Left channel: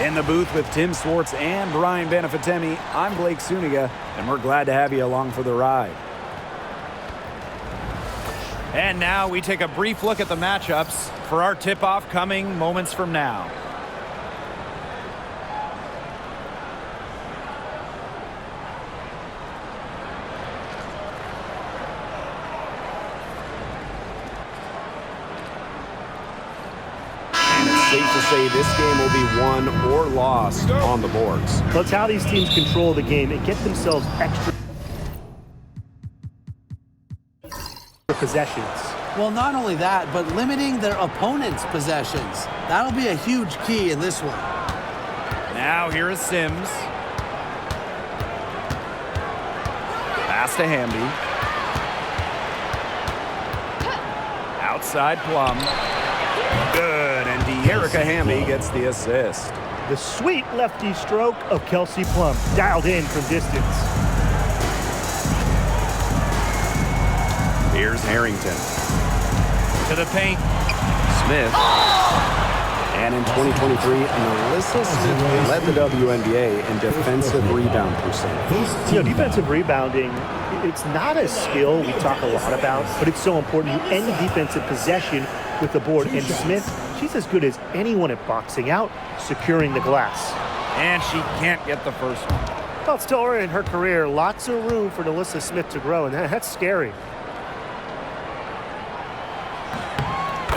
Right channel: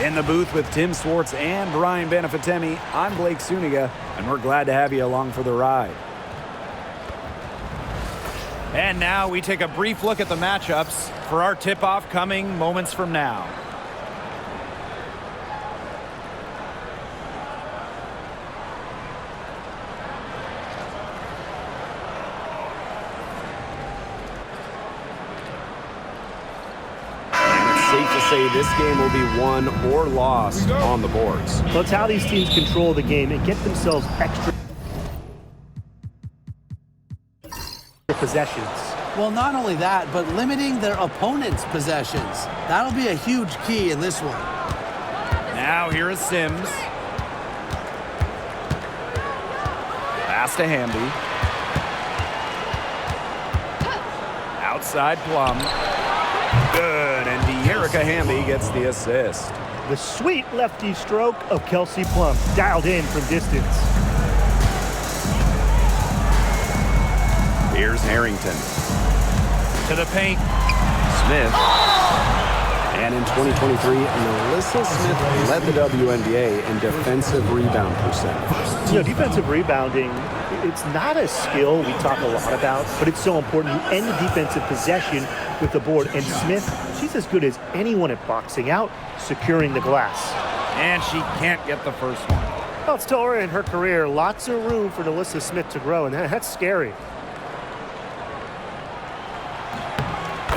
In the booth with Tim Swartz and Brian Benefitemi, I'm Blake Suniga, and we're glad to have you along for the ride. And now we take a brief look at the matchups for our tip-off coming moments from now. Safe to say this game will be won or lost on the boards. Well, it's how these teams control the game and get themselves extra possessions. Well, not only that, but limiting their opponent's possessions. That'll be a huge key in this one. Now here is Sims. Pass to Hamby. Outside Plum. Good, and Erica Hamby gets the assist. The sweet lefty stroke of Kelsey Plum, dialed in from distance. Here's Harrington. To the paint. Smith. And in 2023, Melissa Smith led the WNBA in defensive rebound percentage. You know, defensive rebounding, it's not a skill we talk a lot about, but it's so important. You end the defensive possession with the board, and Smith, she's as good as anyone at boxing out, securing the glass. And she can't get the first one. Well, it's still early in her career. Lots of room for Melissa Smith to grow, and that's scary.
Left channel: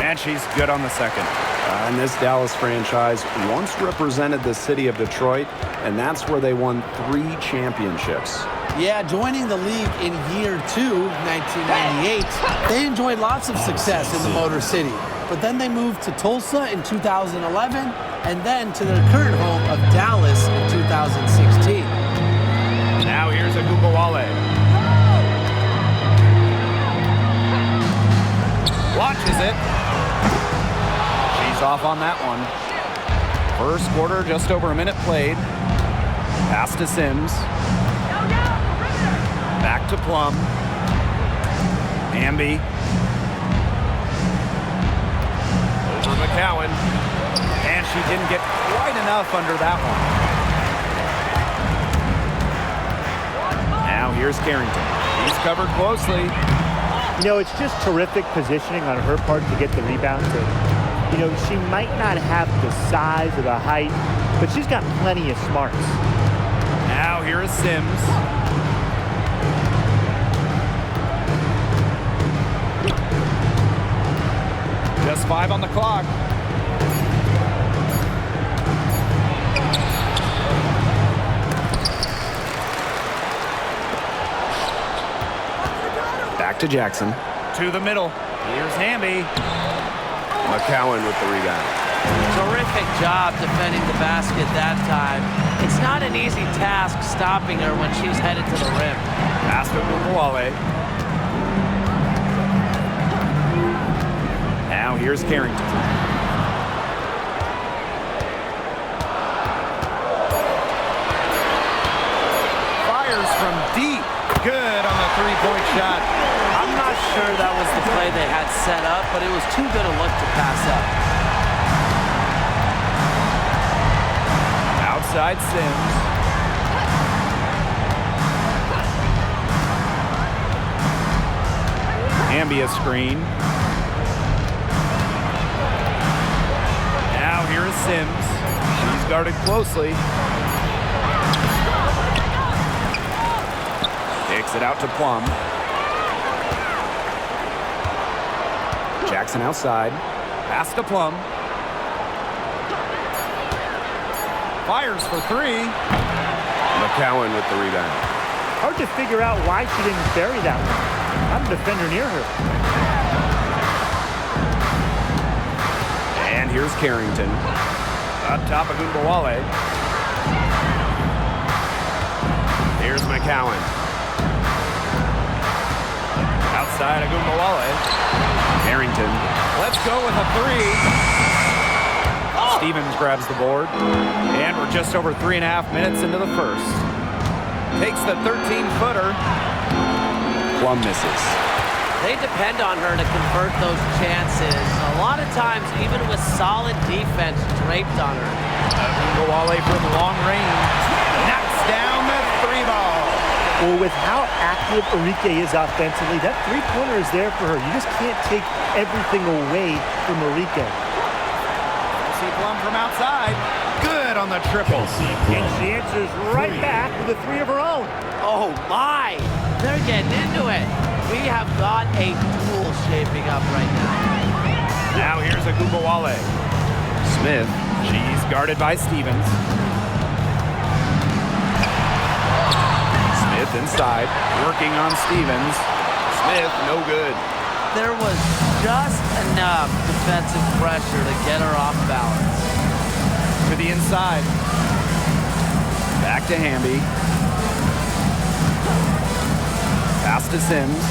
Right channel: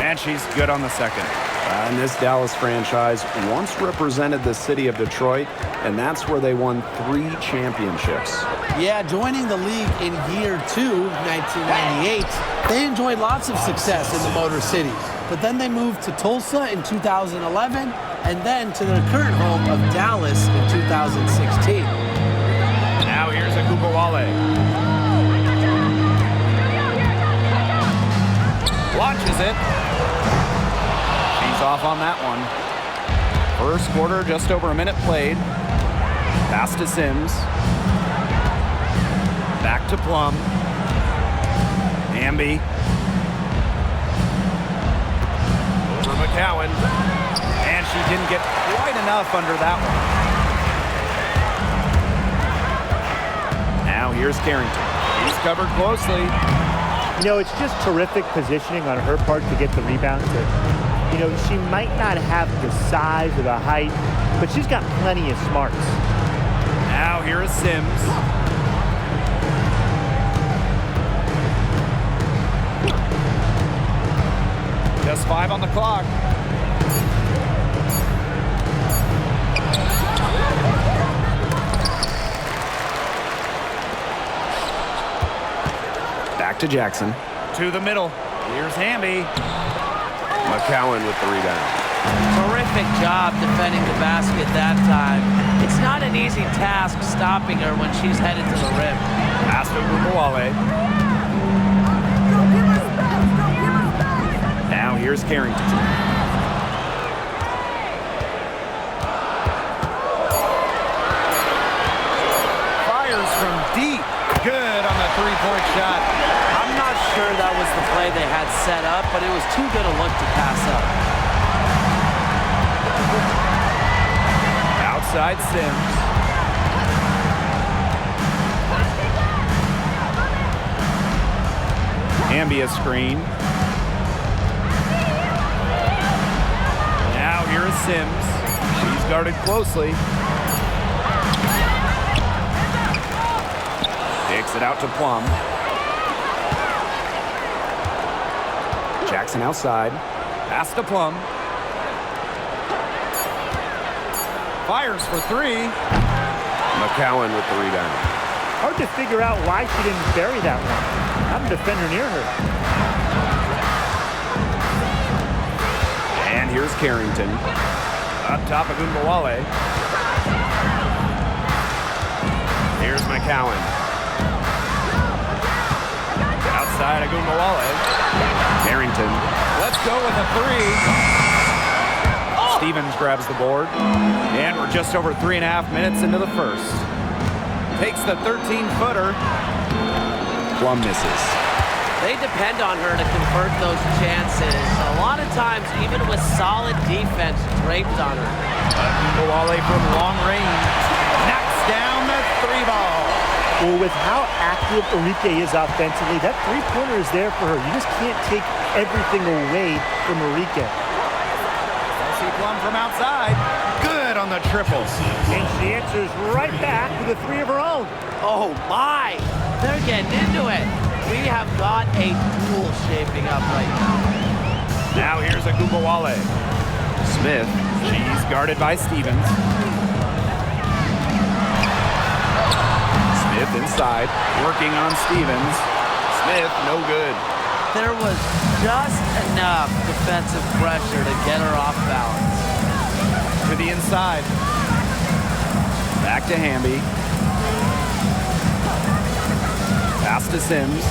And she's good on the second. And this Dallas franchise once represented the city of Detroit, and that's where they won 3 championships. Yeah, joining the league in year 2, 1998, they enjoyed lots of success in the Motor City. But then they moved to Tulsa in 2011, and then to their current home of Dallas in 2016. Now here's Agumbawale. Launches it. She's off on that one. First quarter, just over a minute played. Pass to Sims. Back to Plum. Hamby. Over McCowan. And she didn't get quite enough under that one. Now here's Carrington. He's covered closely. You know, it's just terrific positioning on her part to get the rebound. You know, she might not have the size or the height, but she's got plenty of smarts. Now here is Sims. Just 5 on the clock. Back to Jackson. To the middle. Here's Hamby. McCowan with the rebound. Terrific job defending the basket that time. It's not an easy task stopping her when she's headed to the rim. Pass to Agumbawale. Now here's Carrington. Fires from deep. Good on the three-point shot. I'm not sure that was the play they had set up, but it was too good a look to pass up. Outside Sims. Hamby a screen. Now here is Sims. She's guarded closely. Kicks it out to Plum. Jackson outside. Pass to Plum. Fires for 3. McCowan with the rebound. Hard to figure out why she didn't bury that one. Not a defender near her. And here's Carrington. Up top, Agumbawale. Here's McCowan. Outside, Agumbawale. Carrington. Let's go with a 3. Stevens grabs the board. And we're just over 3.5 minutes into the first. Takes the 13-footer. Plum misses. They depend on her to convert those chances. A lot of times, even with solid defense draped on her. Ogunbowale from long range knocks down the 3-ball. Well, with how active Arike is offensively, that three-pointer is there for her. You just can't take everything away from Arike. Kelsey Plum from outside. Good on the triple. And she answers right back with a three of her own. Oh my, they're getting into it. We have got a duel shaping up right now. Now here's Ogunbowale. Smith, she's guarded by Stevens. Smith inside, working on Stevens. Smith, no good. There was just enough defensive pressure to get her off balance. To the inside. Back to Hamby. Pass to Sims.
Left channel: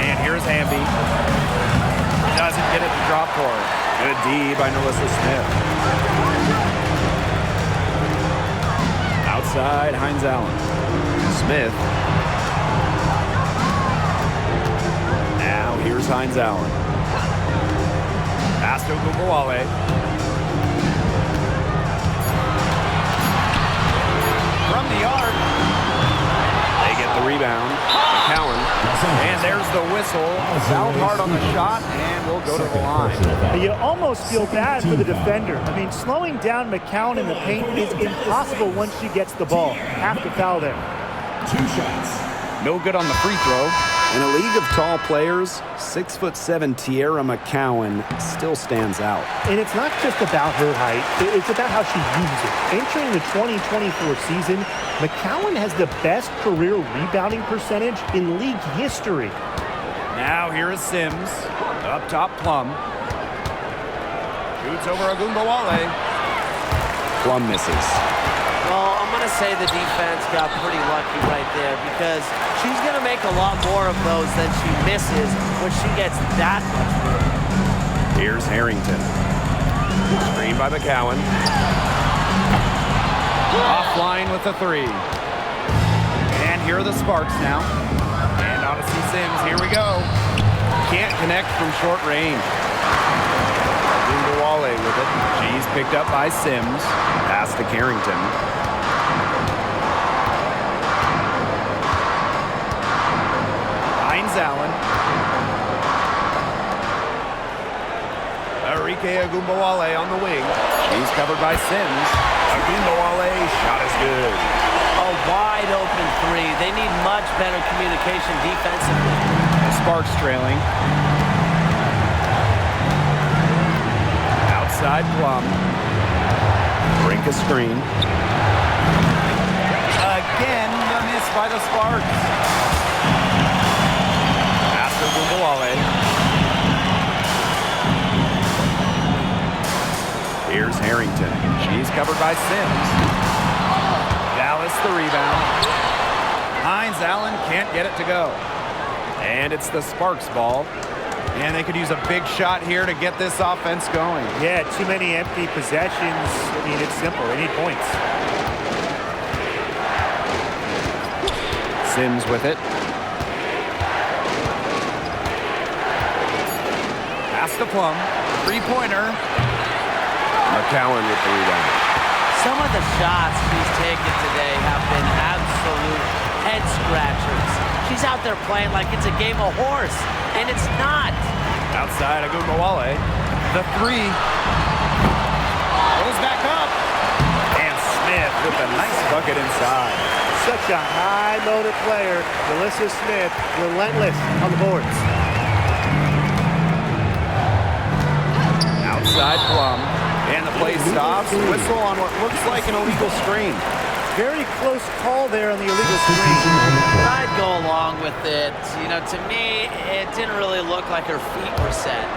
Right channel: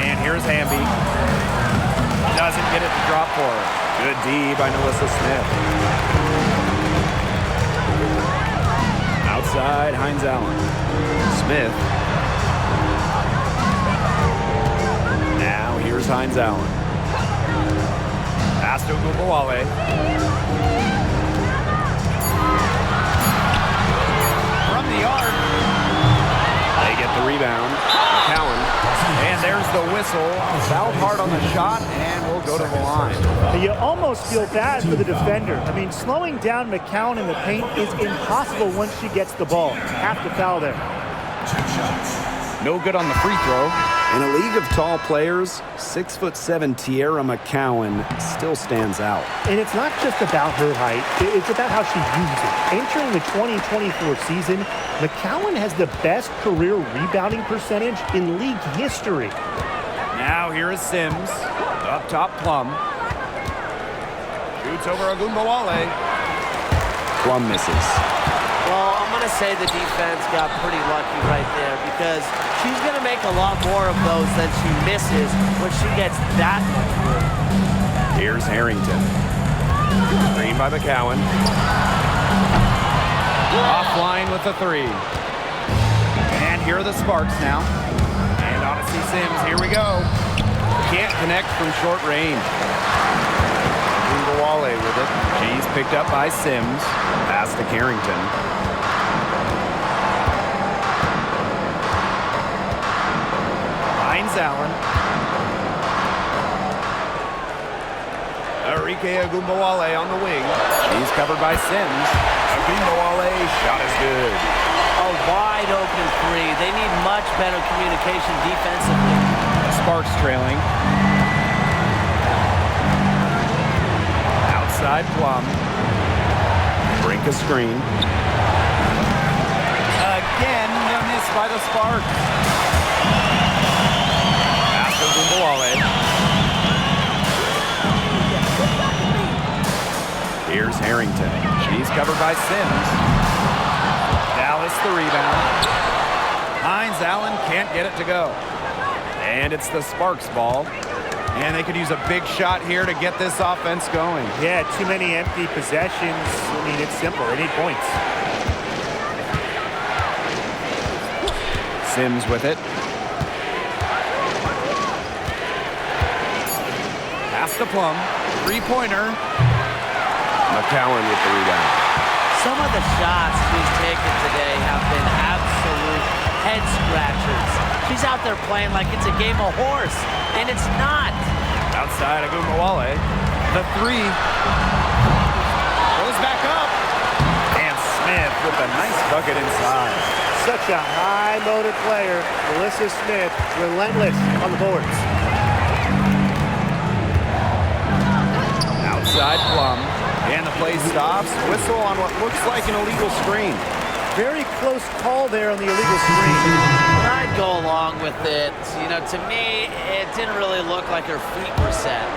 And here's Hamby. Doesn't get it to drop for her. Good D by Nalissa Smith. Outside, Hines Allen. Smith. Now here's Hines Allen. Pass to Ogunbowale. From the arc. They get the rebound. McCowan. And there's the whistle. Fouled hard on the shot, and we'll go to the line. You almost feel bad for the defender. I mean, slowing down McCowan in the paint is impossible once she gets the ball. Have to foul there. 2 shots. No good on the free throw. In a league of tall players, 6'7" Tiara McCowan still stands out. And it's not just about her height, it's about how she uses it. Entering the 2024 season, McCowan has the best career rebounding percentage in league history. Now here is Sims. Up top, Plum. Shoots over Ogunbowale. Plum misses. Well, I'm going to say the defense got pretty lucky right there because she's going to make a lot more of those than she misses when she gets that much room. Here's Harrington. Screen by McCowan. Offline with the 3. And here are the Sparks now. And Odyssey Sims, here we go. Can't connect from short range. Ogunbowale with it. She's picked up by Sims. Pass to Carrington. Hines Allen. Arike Ogunbowale on the wing. She's covered by Sims. Ogunbowale, shot is good. A wide open 3. They need much better communication defensively. The Sparks trailing. Outside Plum. Brink a screen. Again, the miss by the Sparks. Pass to Ogunbowale. Here's Harrington. She's covered by Sims. Dallas the rebound. Hines Allen can't get it to go. And it's the Sparks ball. And they could use a big shot here to get this offense going. Yeah, too many empty possessions. I mean, it's simple. They need points. Sims with it. Pass to Plum. 3-pointer. McCowan with the rebound. Some of the shots she's taken today have been absolute head scratchers. She's out there playing like it's a game of horse, and it's not. Outside Ogunbowale. The 3. Goes back up. And Smith with a nice bucket inside. Such a high-loaded player. Nalissa Smith, relentless on the boards. Outside Plum. And the play stops. Whistle on what looks like an illegal screen. Very close call there on the illegal screen. I'd go along with it. You know, to me, it didn't really look like her feet were set.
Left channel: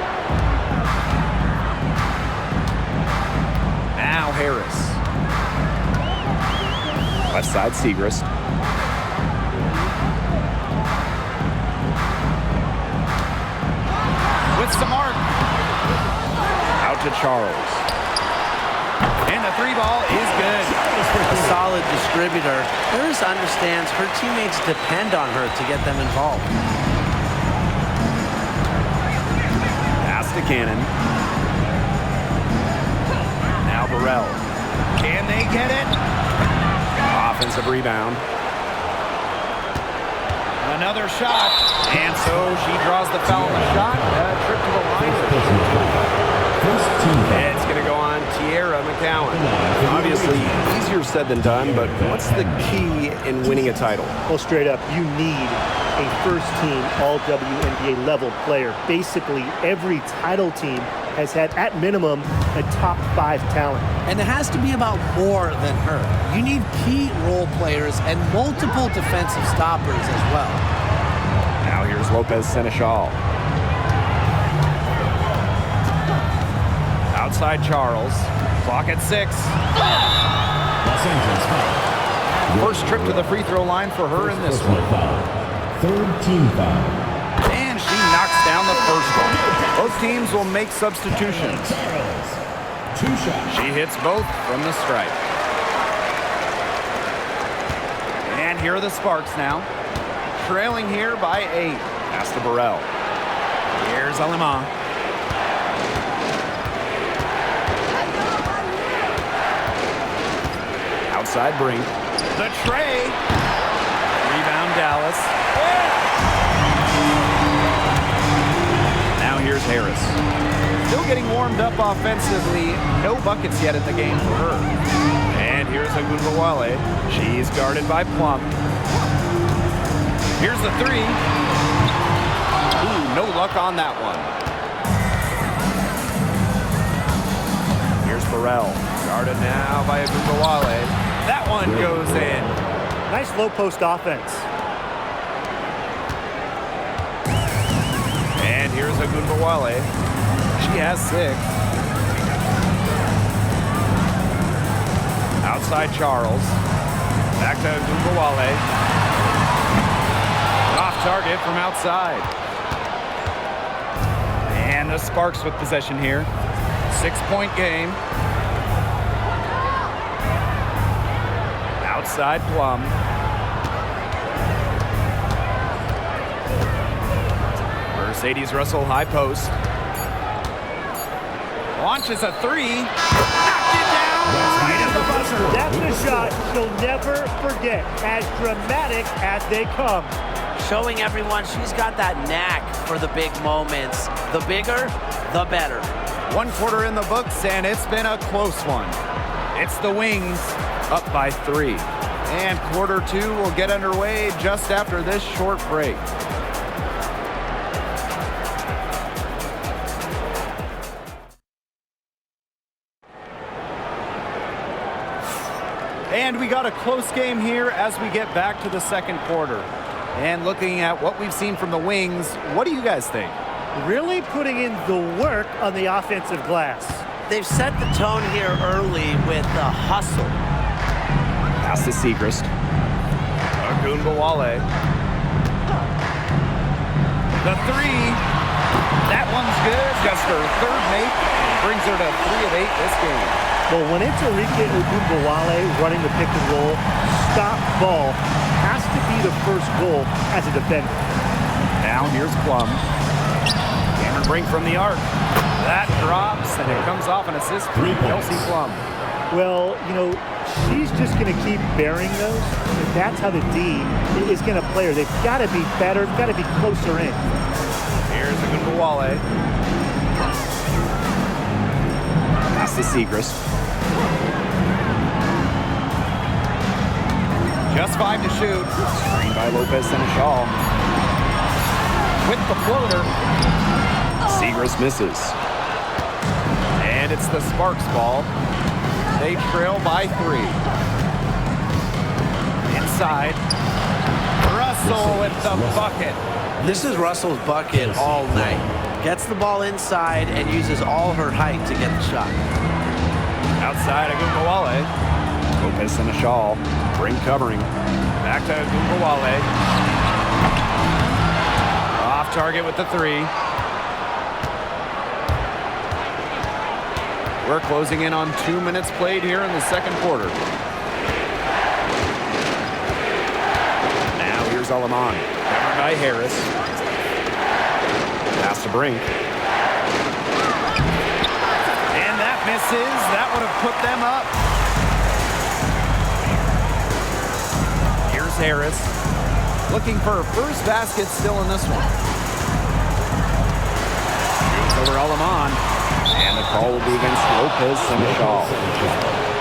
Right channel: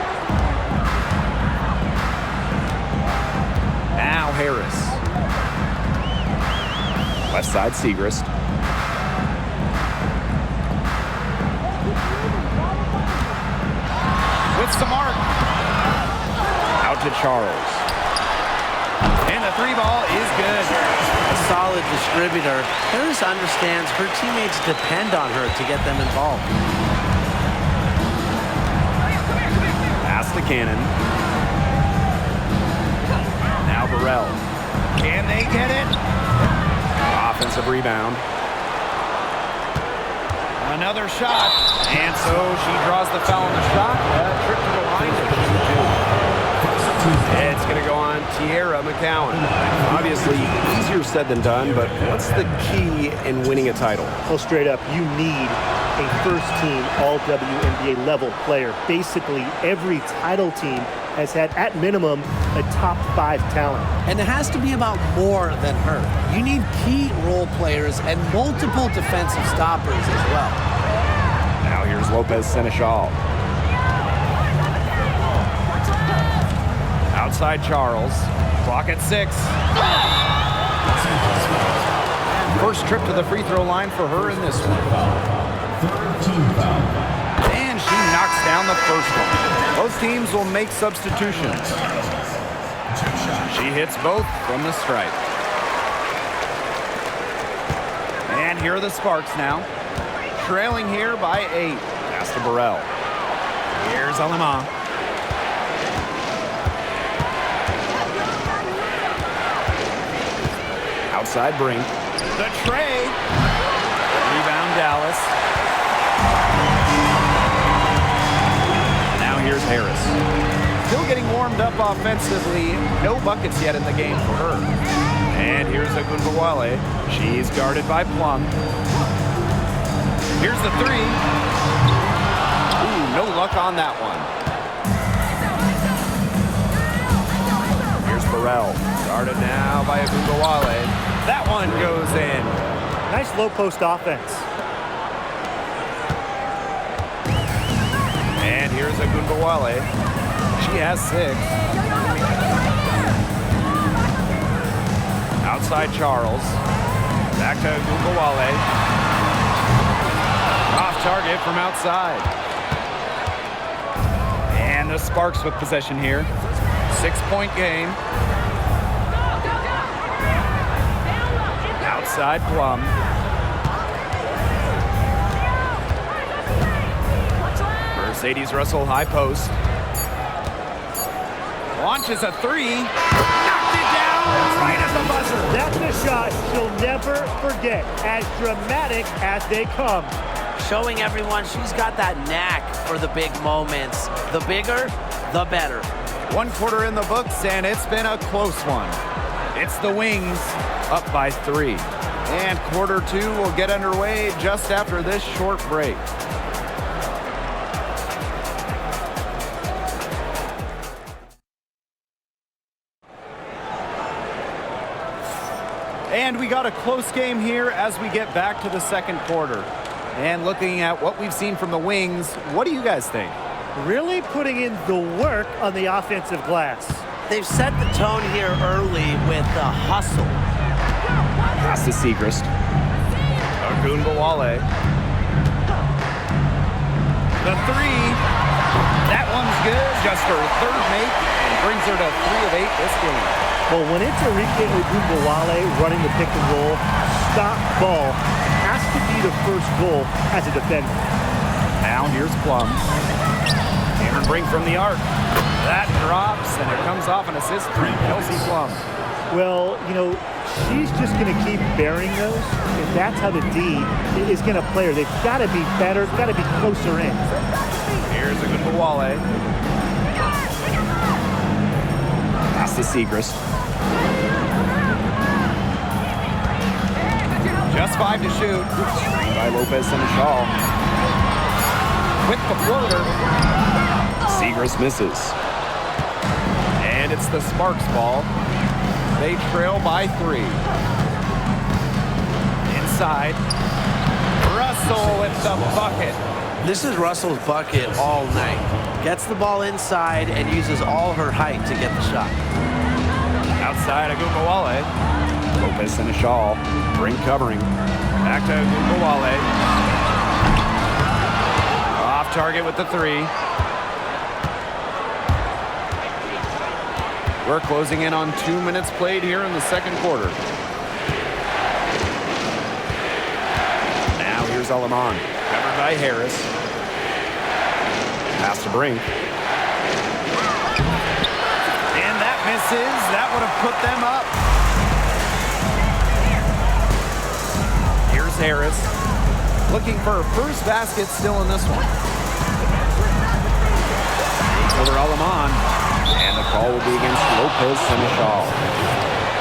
Now Harris. Left side, Segrist. With some arc. Out to Charles. And the three ball is good. A solid distributor. Harris understands her teammates depend on her to get them involved. Pass to Cannon. Now Burrell. Can they get it? Offensive rebound. Another shot. And so she draws the foul on the shot. Trip to the line to shoot two. It's going to go on Tierra McCowan. Obviously, easier said than done, but what's the key in winning a title? Well, straight up, you need a first-team all-WNBA level player. Basically, every title team has had, at minimum, a top 5 talent. And it has to be about more than her. You need key role players and multiple defensive stoppers as well. Now here's Lopez Seneschal. Outside Charles. Clock at 6. And first trip to the free throw line for her in this one. Third team foul. And she knocks down the first one. Both teams will make substitutions. 2 shots. She hits both from the stripe. And here are the Sparks now. Trailing here by 8. Pass to Burrell. Here's Alima. Outside Brink. The tray. Rebound Dallas. Now here's Harris. Still getting warmed up offensively. No buckets yet in the game for her. And here's Agunbawale. She's guarded by Plum. Here's the 3. Ooh, no luck on that one. Here's Burrell. Guarded now by Agunbawale. That one goes in. Nice low-post offense. And here's Agunbawale. She has 6. Outside Charles. Back to Agunbawale. Off target from outside. And the Sparks with possession here. 6-point game. Outside Plum. Mercedes Russell high post. Launches a 3. Knocked it down right at the buzzer. That's a shot she'll never forget, as dramatic as they come. Showing everyone she's got that knack for the big moments. The bigger, the better. 1 quarter in the books, and it's been a close one. It's the Wings up by 3. And quarter 2 will get underway just after this short break. And we got a close game here as we get back to the second quarter. And looking at what we've seen from the Wings, what do you guys think? Really putting in the work on the offensive glass. They've set the tone here early with the hustle. Pass to Segrist. Agunbawale. The 3. That one's good. Just her 3rd make. And brings her to 3 of 8 this game. Well, when it's Enrique Agunbawale running the pick and roll, stop ball has to be the first goal as a defender. Now here's Plum. Cameron Brink from the arc. That drops, and it comes off an assist from Kelsey Plum. Well, you know, she's just going to keep bearing those. If that's how the D is going to play her, they've got to be better, got to be closer in. Here's Agunbawale. Pass to Segrist. Just 5 to shoot. Screen by Lopez Seneschal. With the floater. Segrist misses. And it's the Sparks ball. They trail by 3. Inside. Russell with the bucket. This is Russell's bucket all night. Gets the ball inside and uses all her height to get the shot. Outside Agunbawale. Lopez Seneschal. Brink covering. Back to Agunbawale. Off target with the 3. We're closing in on 2 minutes played here in the second quarter. Now here's Aleman, covered by Harris. Pass to Brink. And that misses. That would have put them up. Here's Harris. Looking for her first basket still in this one. Shoots over Aleman. And the call will be against Lopez Seneschal.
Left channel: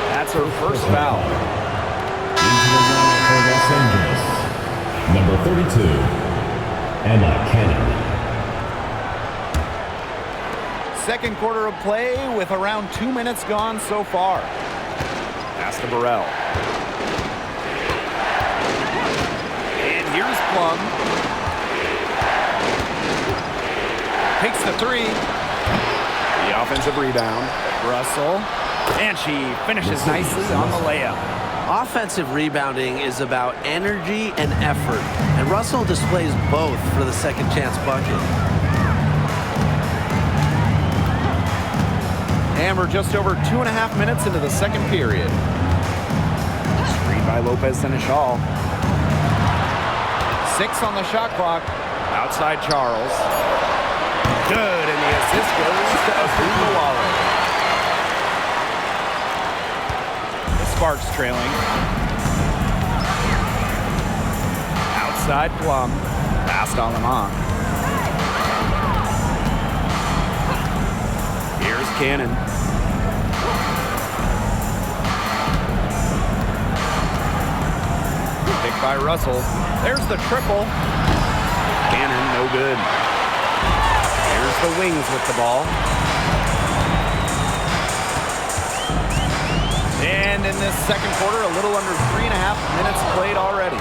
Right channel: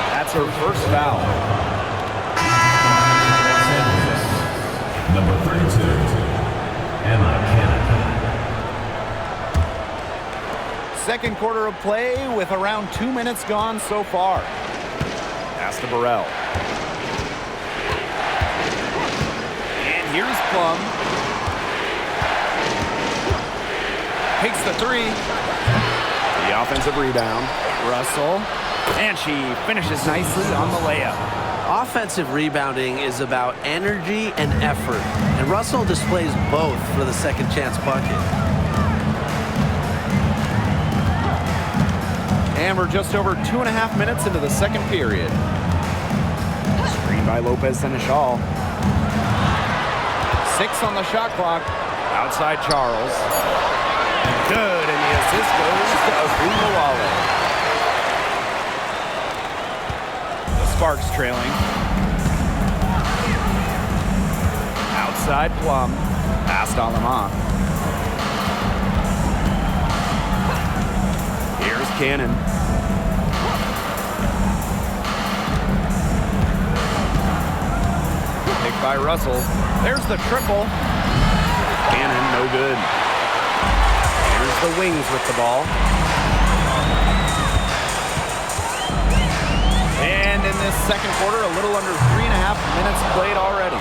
That's her first foul. Los Angeles. Number 32, Emma Cannon. Second quarter of play with around 2 minutes gone so far. Pass to Burrell. And here's Plum. Takes the three. The offensive rebound. Russell. And she finishes nicely on the layup. Offensive rebounding is about energy and effort, and Russell displays both for the second chance bucket. And we're just over 2.5 minutes into the second period. Screen by Lopez Seneschal. 6 on the shot clock. Outside Charles. Good, and the assist goes to Agumbawale. The Sparks trailing. Outside Plum. Past Aleman. Here's Cannon. Picked by Russell. There's the triple. Cannon, no good. Here's the Wings with the ball. And in this second quarter, a little under 3.5 minutes played already.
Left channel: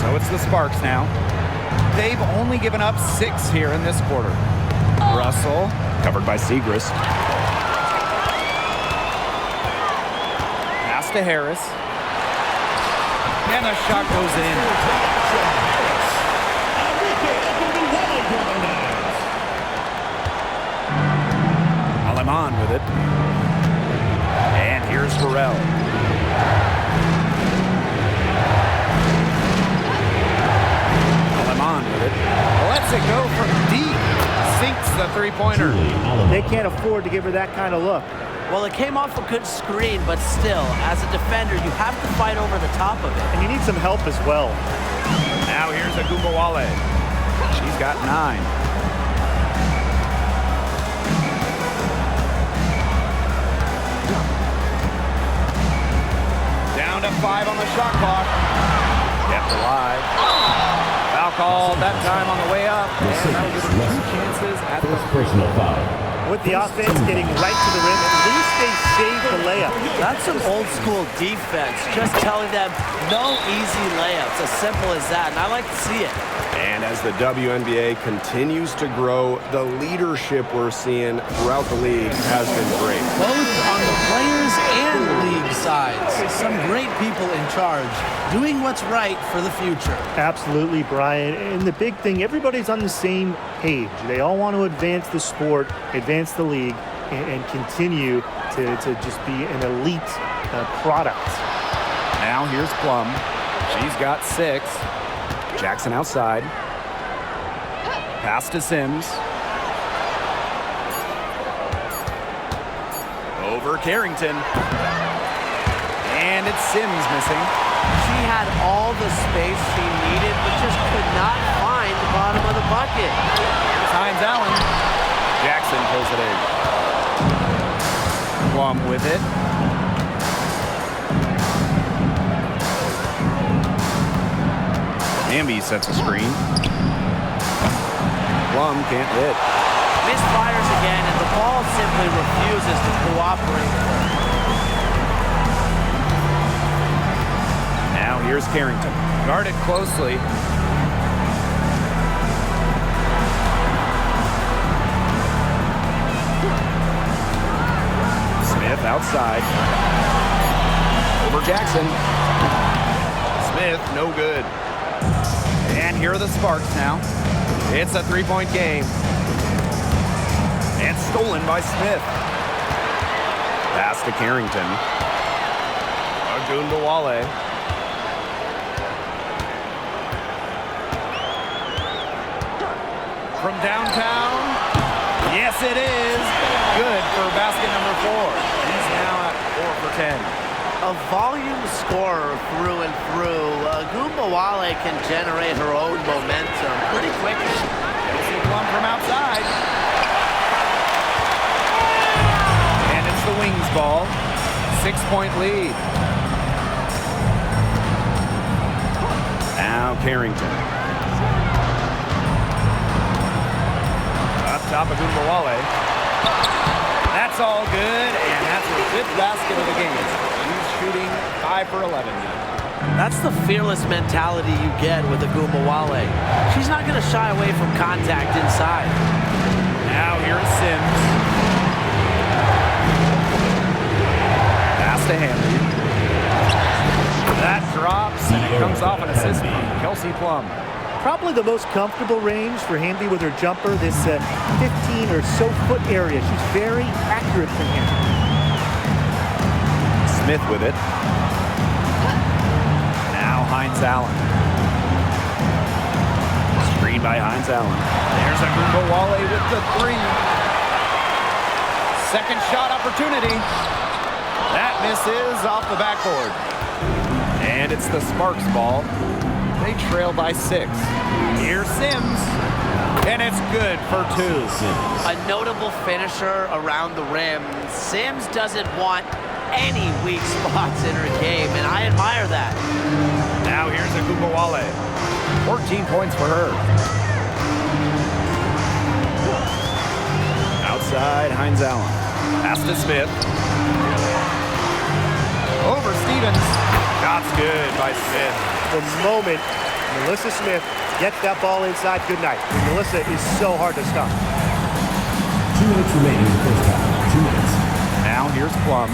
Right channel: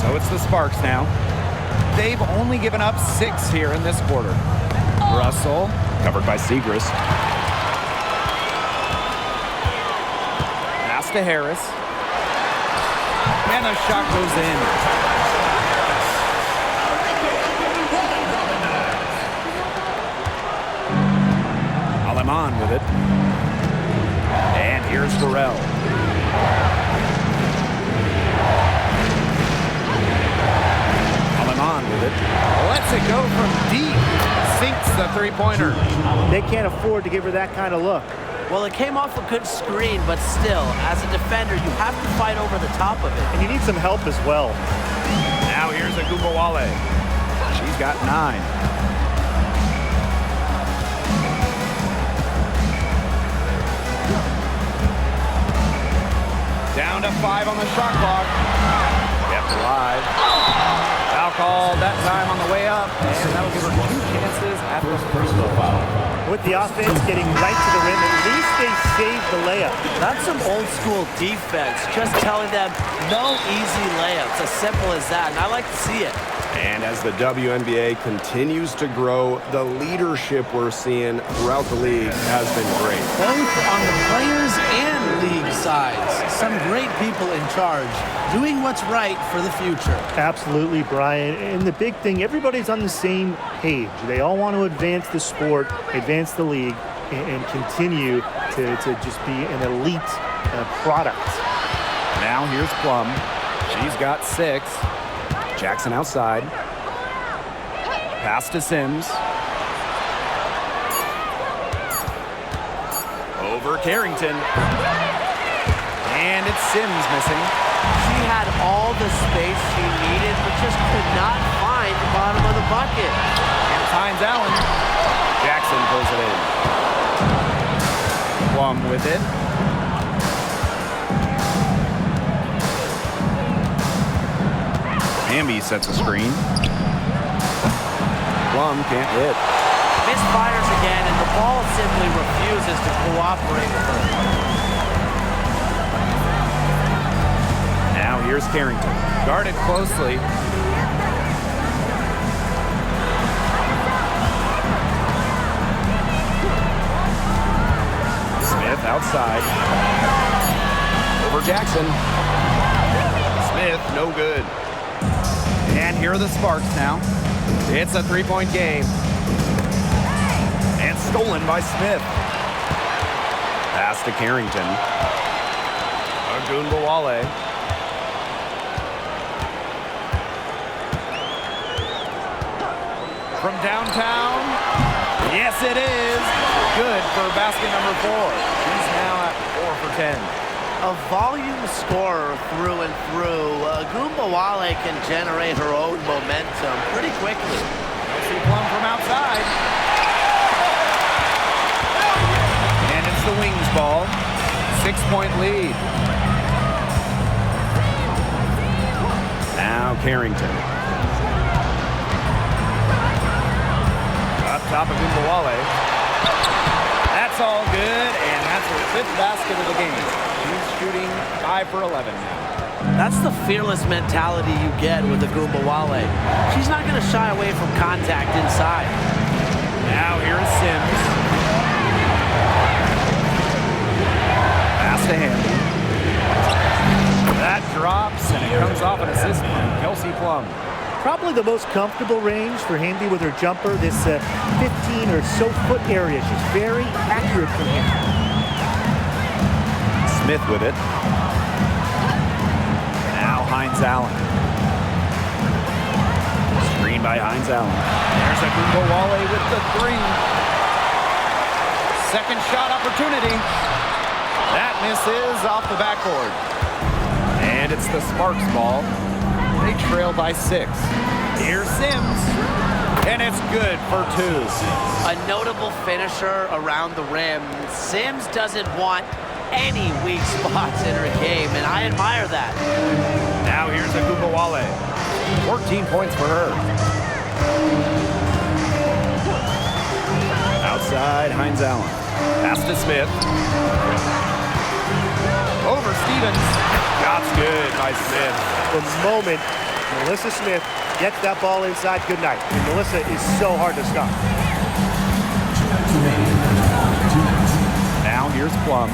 So it's the Sparks now. They've only given up 6 here in this quarter. Russell, covered by Segrist. Pass to Harris. And the shot goes in. Aleman with it. And here's Burrell. Aleman with it. Lets it go from deep. Sinks the three-pointer. They can't afford to give her that kind of look. Well, it came off a good screen, but still, as a defender, you have to fight over the top of it. And you need some help as well. Now here's Agumbawale. She's got 9. Down to 5 on the shot clock. Kept alive. Foul called that time on the way up, and that'll give her 2 chances at the free throw. With the offense getting right to the rim, at least they saved the layup. That's some old school defense, just telling them no easy layups, as simple as that, and I like to see it. And as the WNBA continues to grow, the leadership we're seeing throughout the league has been great. Both on the players and league sides. Some great people in charge, doing what's right for the future. Absolutely, Brian. And the big thing, everybody's on the same page. They all want to advance the sport, advance the league, and continue to just be an elite product. Now here's Plum. She's got 6. Jackson outside. Pass to Sims. Over Carrington. And it's Sims missing. She had all the space she needed, but just could not find the bottom of the bucket. Here's Hines Allen. Jackson pulls it in. Plum with it. Amby sets a screen. Plum can't hit. Misfires again, and the ball simply refuses to cooperate with her. Now here's Carrington. Guarded closely. Smith outside. Over Jackson. Smith, no good. And here are the Sparks now. It's a 3-point game. And stolen by Smith. Pass to Carrington. Ogunbowale. From downtown. Yes, it is. Good for basket number 4. She's now at 4 for 10. A volume scorer through and through. Ogunbowale can generate her own momentum pretty quickly. Kelsey Plum from outside. And it's the Wings ball. 6-point lead. Now Carrington. Up top of Ogunbowale. That's all good, and that's her 5th basket of the game. She's shooting 5 for 11 now. That's the fearless mentality you get with Ogunbowale. She's not going to shy away from contact inside. Now here is Sims. Pass to Hamby. That drops, and it comes off an assist from Kelsey Plum. Probably the most comfortable range for Hamby with her jumper, this 15 or so foot area. She's very accurate from here. Smith with it. Now Hines Allen. Screen by Hines Allen. There's Ogunbowale with the 3. Second shot opportunity. That misses off the backboard. And it's the Sparks ball. They trail by 6. Here's Sims. And it's good for 2. A notable finisher around the rim. Sims doesn't want any weak spots in her game, and I admire that. Now here's Ogunbowale. 14 points for her. Outside, Hines Allen. Pass to Smith. Over Stevens. Shot's good by Smith. The moment Melissa Smith gets that ball inside, good night. And Melissa is so hard to stop. 2 minutes remaining in the first half. 2 minutes. Now here's Plum.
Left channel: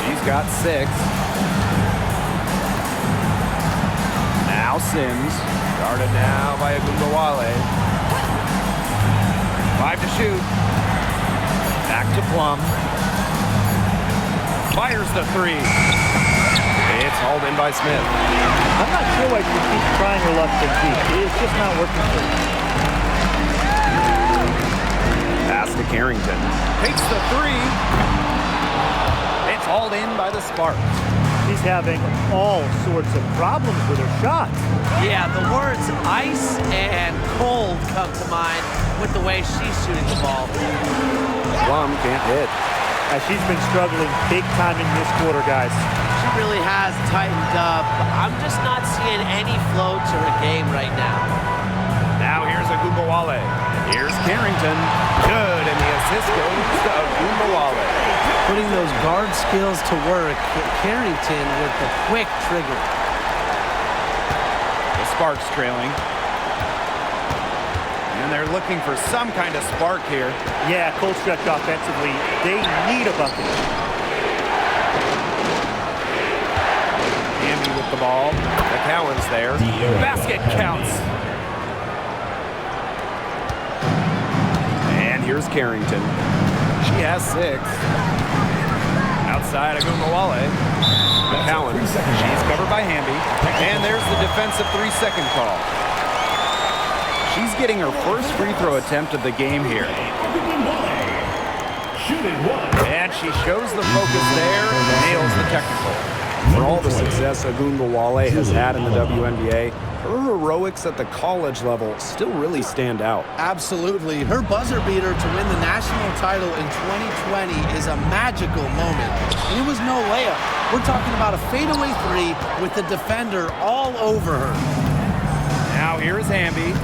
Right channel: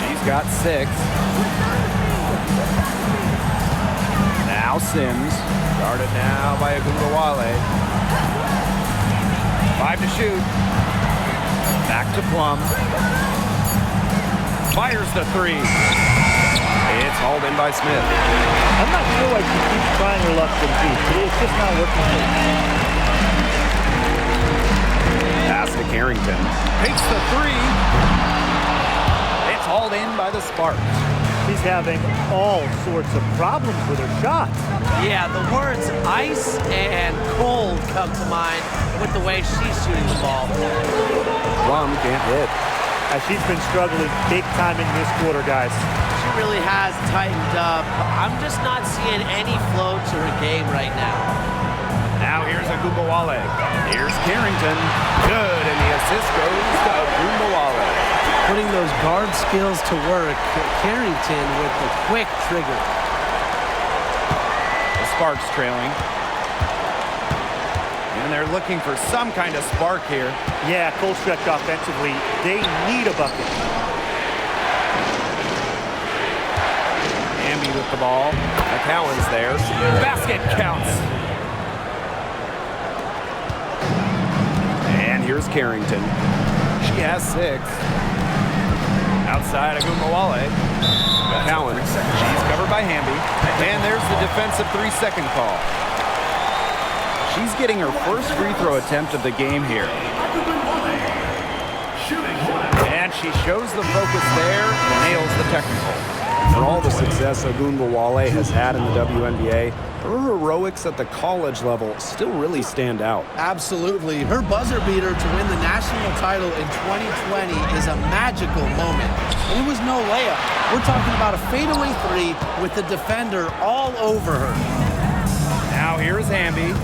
She's got 6. Now Sims. Guarded now by Ogunbowale. 5 to shoot. Back to Plum. Fires the 3. It's hauled in by Smith. I'm not sure why she keeps trying her luck from deep. It's just not working for her. Pass to Carrington. Takes the 3. It's hauled in by the Sparks. She's having all sorts of problems with her shot. Yeah, the words ice and cold come to mind with the way she's shooting the ball. Plum can't hit. She's been struggling big time in this quarter, guys. She really has tightened up. I'm just not seeing any flow to her game right now. Now here's Ogunbowale. Here's Carrington. Good, and the assist goes to Ogunbowale. Putting those guard skills to work. Carrington with the quick trigger. The Sparks trailing. And they're looking for some kind of spark here. Yeah, cold stretch offensively. They need a bucket. Hamby with the ball. McCowan's there. Basket counts. And here's Carrington. She has 6. Outside Ogunbowale. McCowan. She's covered by Hamby. And there's the defensive 3-second call. She's getting her first free throw attempt of the game here. And she shows the focus there and nails the technical. For all the success Ogunbowale has had in the WNBA, her heroics at the college level still really stand out. Absolutely. Her buzzer beater to win the national title in 2020 is a magical moment. And it was no layup. We're talking about a fadeaway 3 with the defender all over her. Now here's Hamby.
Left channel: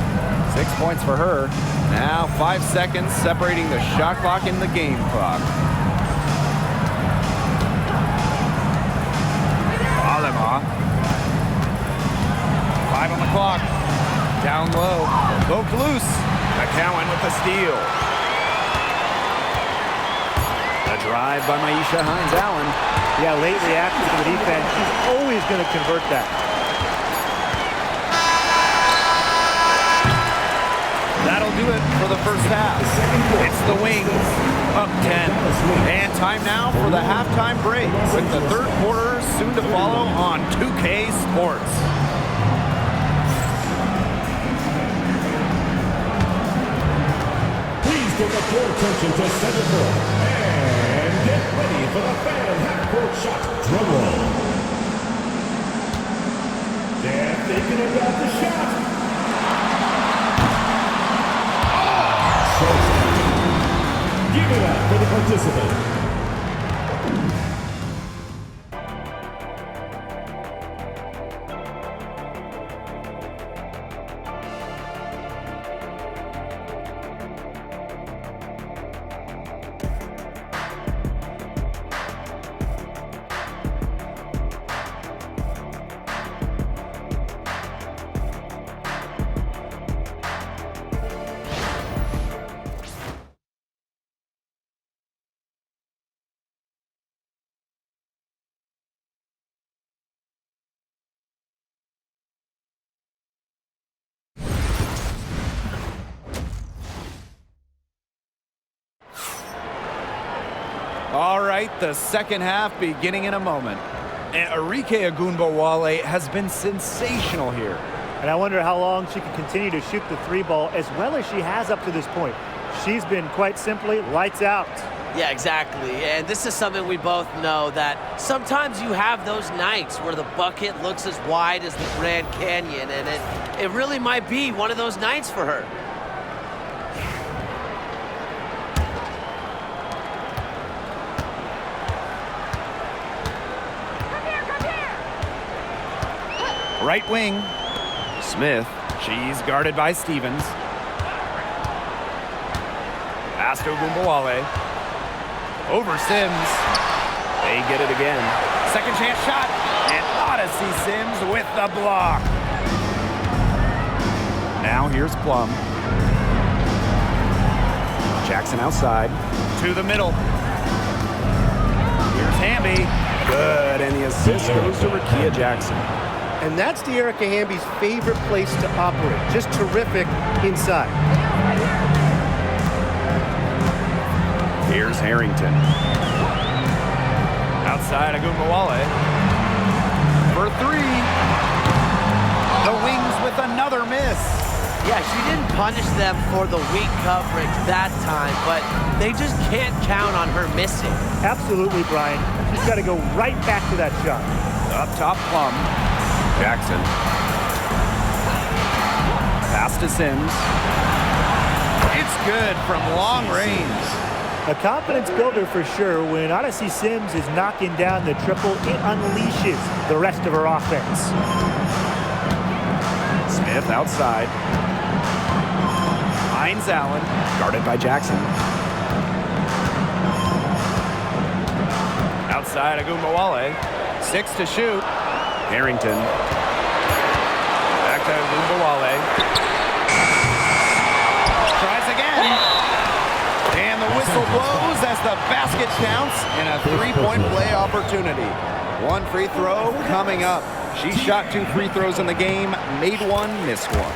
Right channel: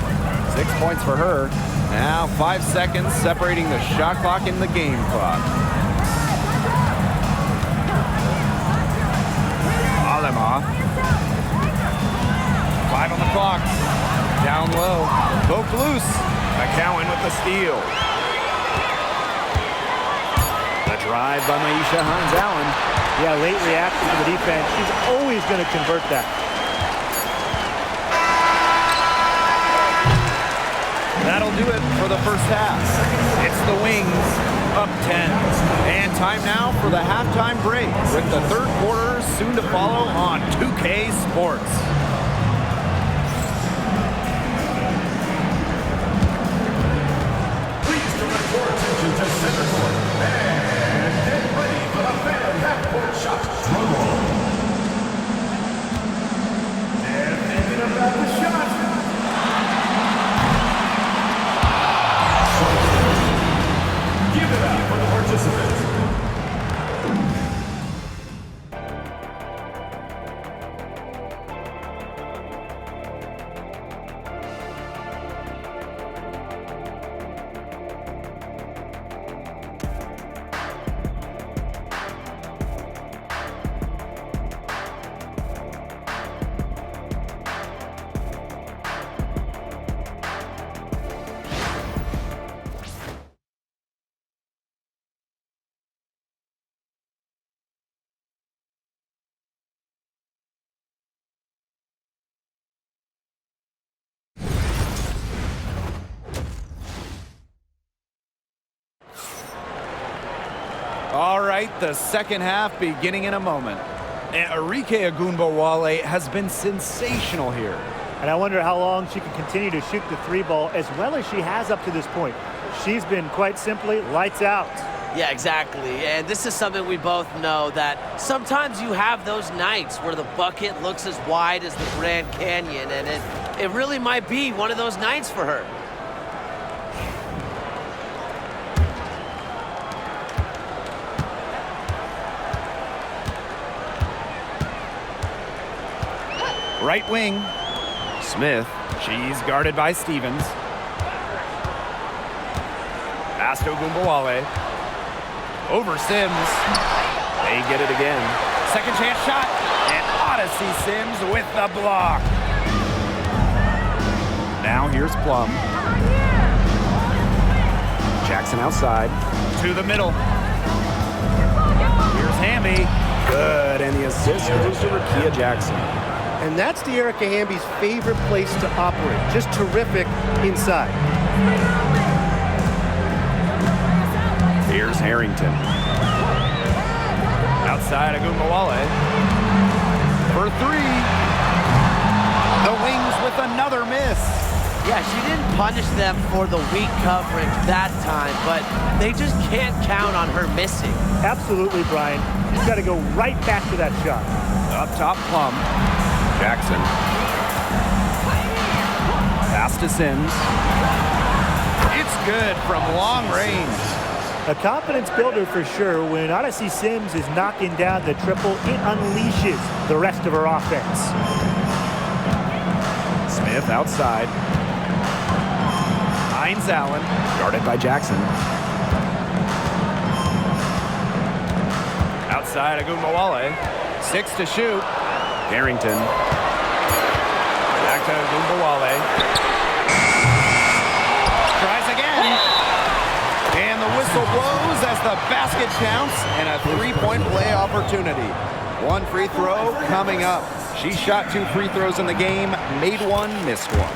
6 points for her. Now 5 seconds separating the shot clock and the game clock. Alema. 5 on the clock. Down low. Poked loose. McCowan with the steal. The drive by Maisha Hines Allen. Yeah, late reaction to the defense. She's always going to convert that. That'll do it for the first half. It's the Wings up 10. And time now for the halftime break with the third quarter soon to follow on 2K Sports. Please direct your attention to center court and get ready for the fan half-court shot. Drum roll. They're thinking about the shot. Give it up for the participants. All right, the second half beginning in a moment. And Arike Ogunbowale has been sensational here. And I wonder how long she can continue to shoot the three ball as well as she has up to this point. She's been quite simply lights out. Yeah, exactly. And this is something we both know, that sometimes you have those nights where the bucket looks as wide as the Grand Canyon, and it really might be one of those nights for her. Right wing. Smith. She's guarded by Stevens. Pass to Ogunbowale. Over Sims. They get it again. Second chance shot. And Odyssey Sims with the block. Now here's Plum. Jackson outside. To the middle. Here's Hamby. Good, and the assist goes to Rickea Jackson. And that's De'Erica Hamby's favorite place to operate. Just terrific inside. Here's Harrington. Outside Ogunbowale. For three. The Wings with another miss. Yeah, she didn't punish them for the weak coverage that time, but they just can't count on her missing. Absolutely, Brian. She's got to go right back to that shot. Up top, Plum. Jackson. Pass to Sims. It's good from long range. A confidence builder for sure. When Odyssey Sims is knocking down the triple, it unleashes the rest of her offense. Smith outside. Hines Allen. Guarded by Jackson. Outside Ogunbowale. 6 to shoot. Harrington. Back to Ogunbowale. Tries again. And the whistle blows as the basket counts and a three-point play opportunity. One free throw coming up. She shot 2 free throws in the game, made one, missed one.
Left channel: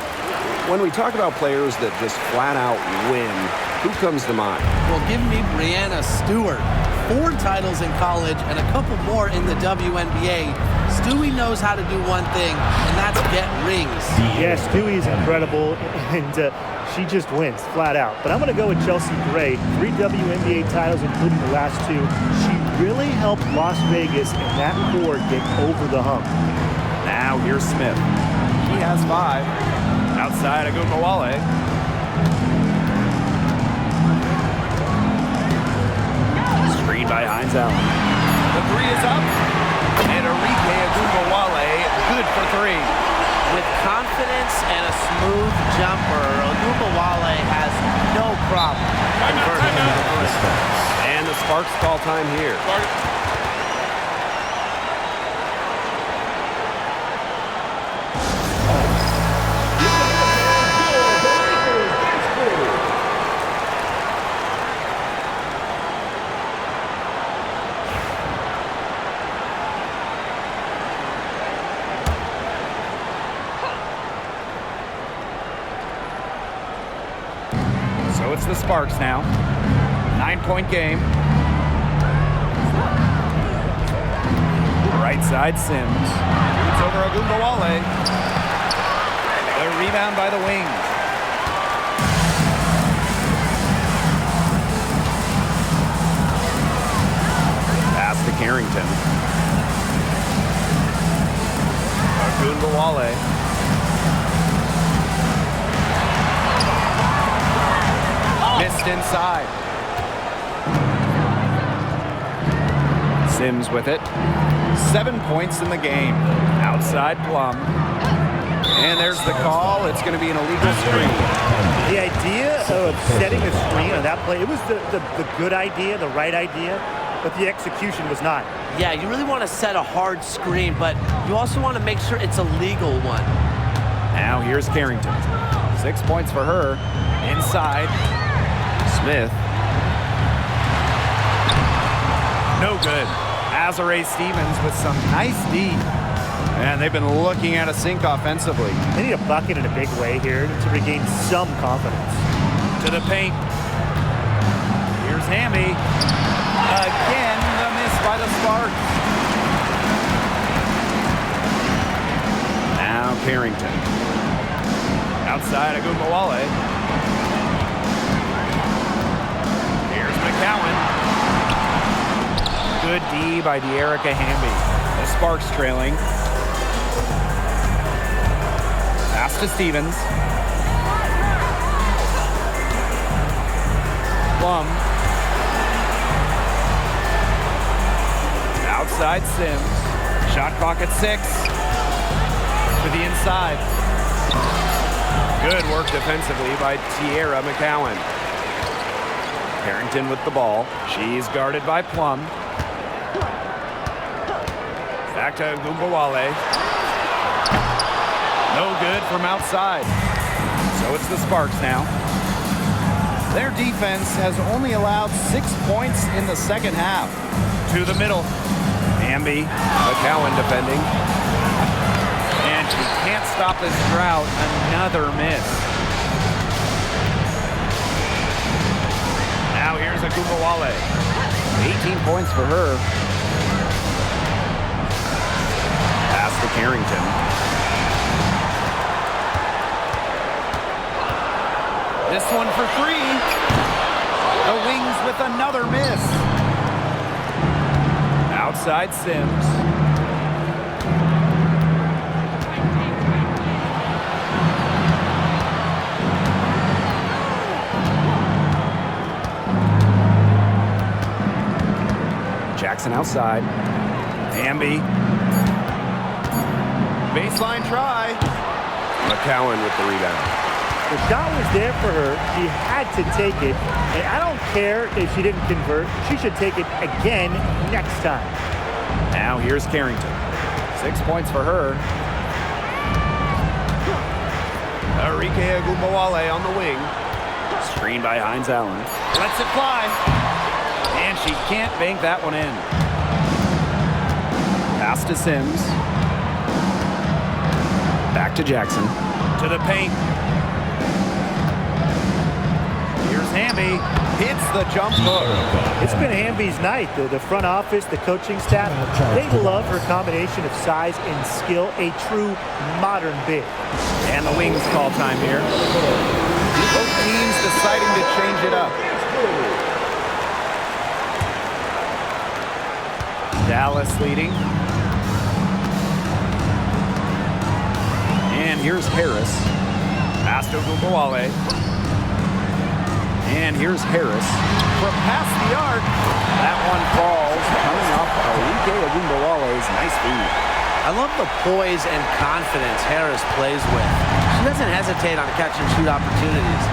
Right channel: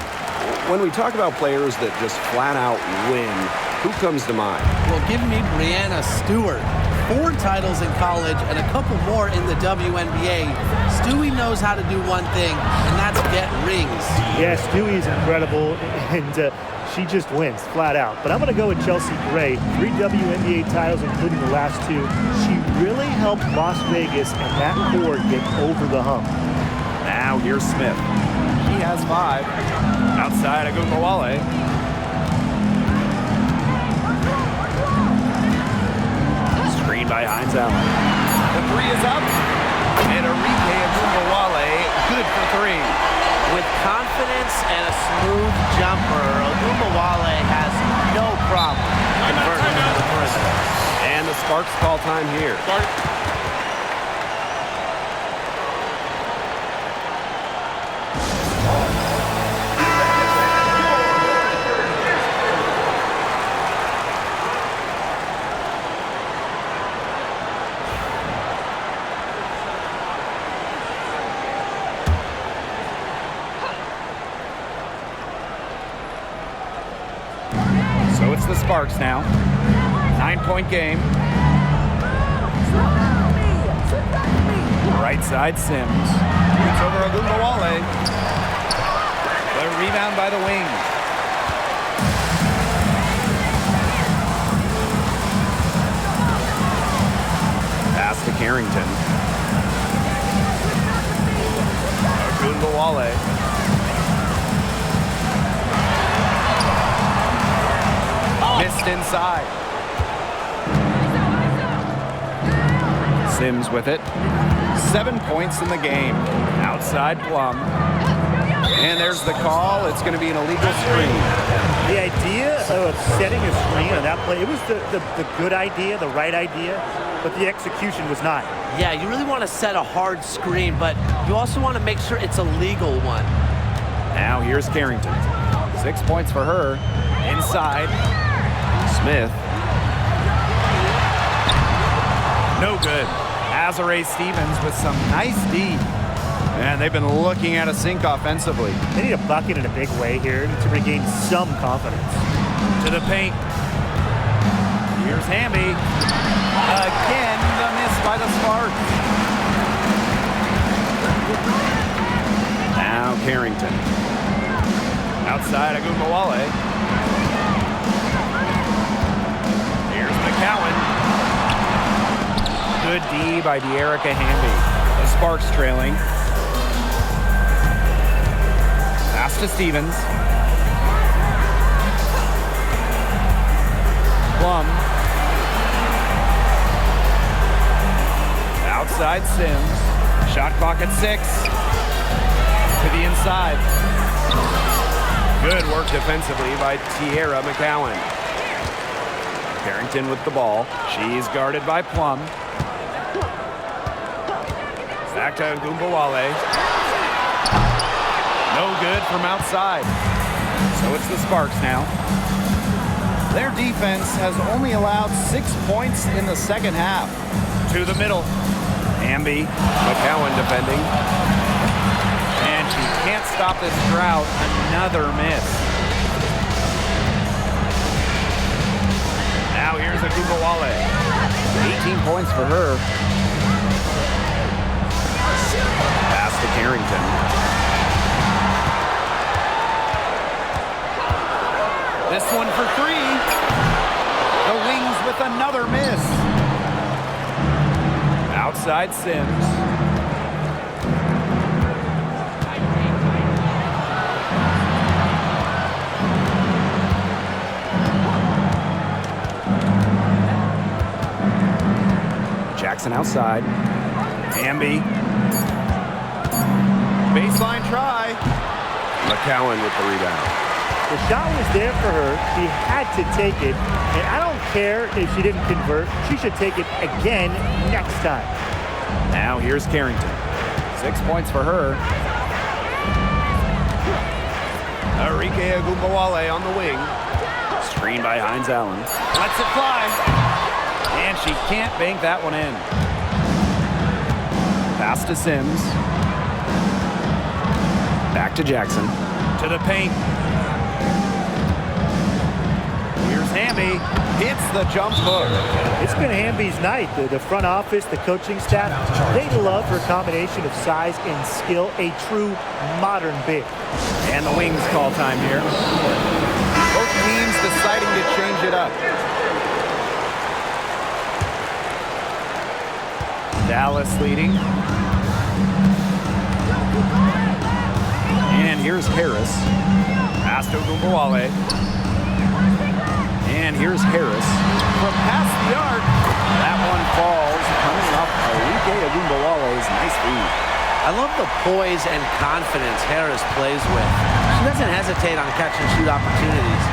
When we talk about players that just flat out win, who comes to mind? Well, give me Breanna Stewart. 4 titles in college and a couple more in the WNBA. Stewie knows how to do one thing, and that's get rings. Yes, Stewie's incredible, and she just wins, flat out. But I'm going to go with Chelsea Gray. 3 WNBA titles, including the last 2. She really helped Las Vegas and that core get over the hump. Now here's Smith. She has 5. Outside Ogunbowale. Screen by Hines Allen. The 3 is up. And Arike Ogunbowale, good for 3. With confidence and a smooth jumper, Ogunbowale has no problem converting to the perimeter. And the Sparks call time here. So it's the Sparks now. 9-point game. Right side, Sims. It's over Ogunbowale. The rebound by the wings. Pass to Carrington. Ogunbowale. Missed inside. Sims with it. 7 points in the game. Outside Plum. And there's the call. It's going to be an illegal screen. The idea of setting a screen on that play, it was the good idea, the right idea, but the execution was not. Yeah, you really want to set a hard screen, but you also want to make sure it's a legal one. Now here's Carrington. 6 points for her. Inside. Smith. No good. Azare Stevens with some nice D. And they've been looking at a sink offensively. They need a bucket in a big way here to regain some confidence. To the paint. Here's Hamby. Again, the miss by the Sparks. Now Carrington. Outside Ogunbowale. Here's McCowan. Good D by De'Erica Hamby. The Sparks trailing. Pass to Stevens. Plum. Outside Sims. Shot clock at 6. To the inside. Good work defensively by Tierra McCowan. Carrington with the ball. She's guarded by Plum. Back to Ogunbowale. No good from outside. So it's the Sparks now. Their defense has only allowed 6 points in the second half. To the middle. Hamby. McCowan defending. And she can't stop this drought. Another miss. Now here's Ogunbowale. 18 points for her. Pass to Carrington. This one for 3. The Wings with another miss. Outside Sims. Jackson outside. Hamby. Baseline try. McCowan with the rebound. The shot was there for her. She had to take it. And I don't care if she didn't convert. She should take it again next time. Now here's Carrington. 6 points for her. Arike Ogunbowale on the wing. Screened by Hines Allen. Lets it fly. And she can't bank that one in. Pass to Sims. Back to Jackson. To the paint. Here's Hamby. Hits the jump hook. It's been Hamby's night. The front office, the coaching staff, they love her combination of size and skill. A true modern big. And the Wings call time here. Both teams deciding to change it up. Dallas leading. And here's Harris. Pass to Ogunbowale. And here's Harris. From past the arc. That one falls. Coming up, Arike Ogunbowale's nice feed. I love the poise and confidence Harris plays with. She doesn't hesitate on catch and shoot opportunities.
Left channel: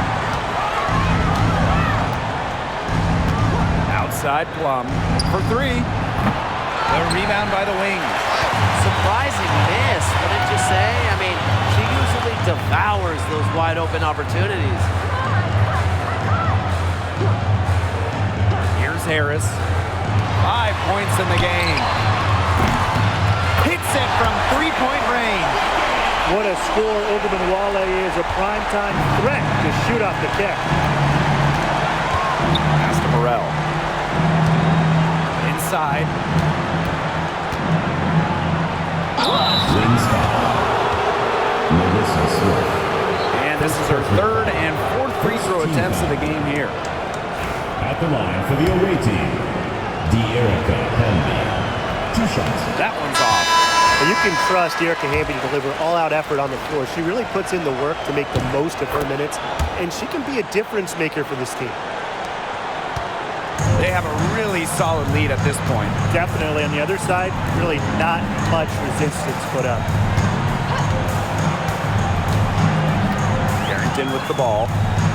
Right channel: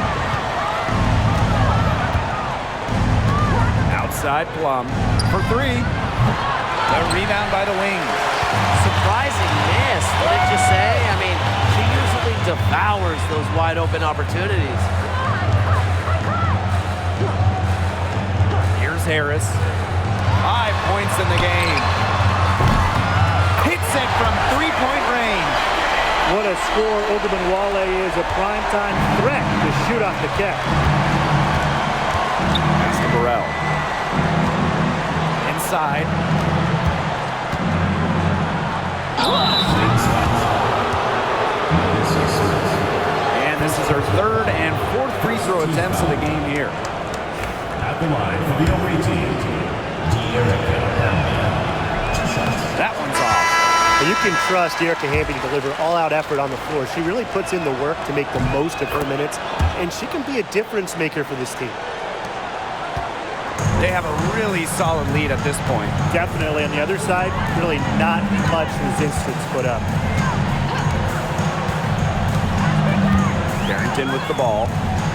Outside Plum for 3. The rebound by the Wings. Surprising miss, wouldn't you say? I mean, she usually devours those wide open opportunities. Here's Harris. 5 points in the game. Hits it from 3-point range. What a score. Ogunbowale is a primetime threat to shoot off the catch. Pass to Burrell. Inside. Wings foul. Melissa Smith. And this is her third and fourth free throw attempts of the game here. At the line for the away team, De'Erica Hamby. 2 shots. That one's off. And you can trust De'Erica Hamby to deliver all-out effort on the floor. She really puts in the work to make the most of her minutes, and she can be a difference maker for this team. They have a really solid lead at this point. Definitely. On the other side, really not much resistance put up. Carrington with the ball.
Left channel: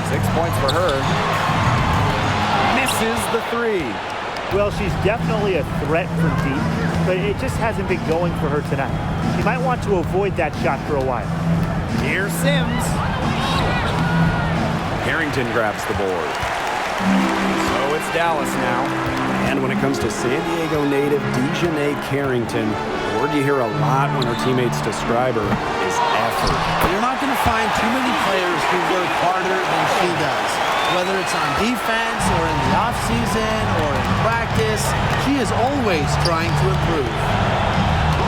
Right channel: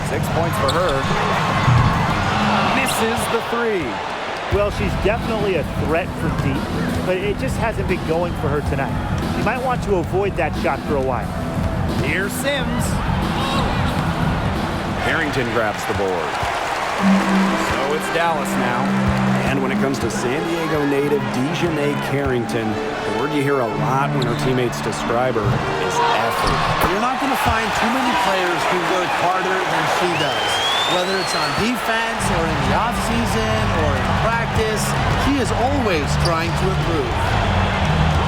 6 points for her. Misses the three. Well, she's definitely a threat from deep, but it just hasn't been going for her tonight. She might want to avoid that shot for a while. Here's Sims. Carrington grabs the board. So it's Dallas now. And when it comes to San Diego native Dejanay Carrington, the word you hear a lot when her teammates describe her is effort. You're not going to find too many players who work harder than she does. Whether it's on defense or in the offseason or in practice, she is always trying to improve.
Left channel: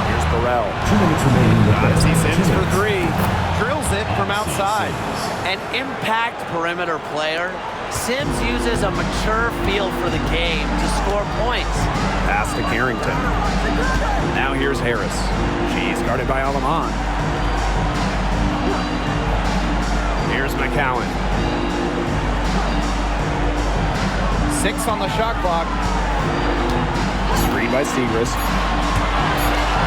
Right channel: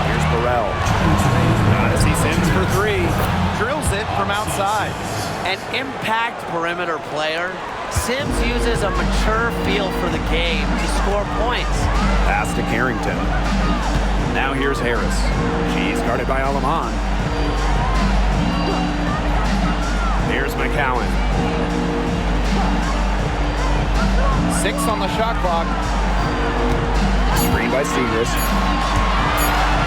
Here's Burrell. 2 minutes remaining. Gotta see Sims for three. Drills it from outside. An impact perimeter player. Sims uses a mature feel for the game to score points. Pass to Carrington. Now here's Harris. She's guarded by Aleman. Here's McCowan. 6 on the shot clock. Screen by Segrist.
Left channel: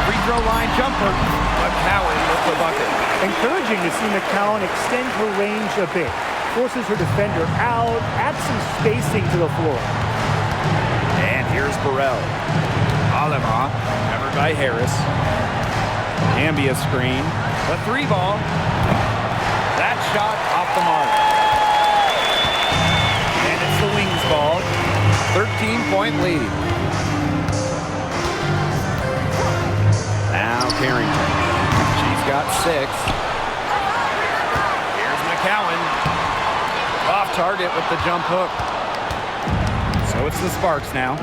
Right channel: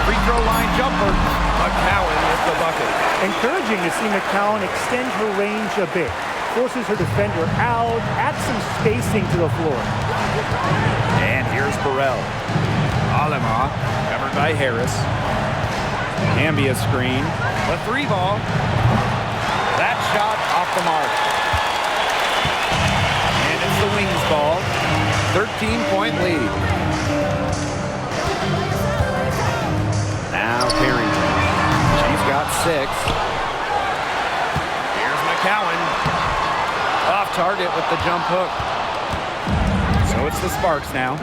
Free throw line jumper. McCowan with the bucket. Encouraging to see McCowan extend her range a bit. Forces her defender out, adds some spacing to the floor. And here's Burrell. Alema covered by Harris. Hamby a screen. The 3 ball. That shot off the mark. And it's the Wings ball. 13-point lead. Now Carrington. She's got 6. Here's McCowan. Off target with the jump hook. So it's the Sparks now.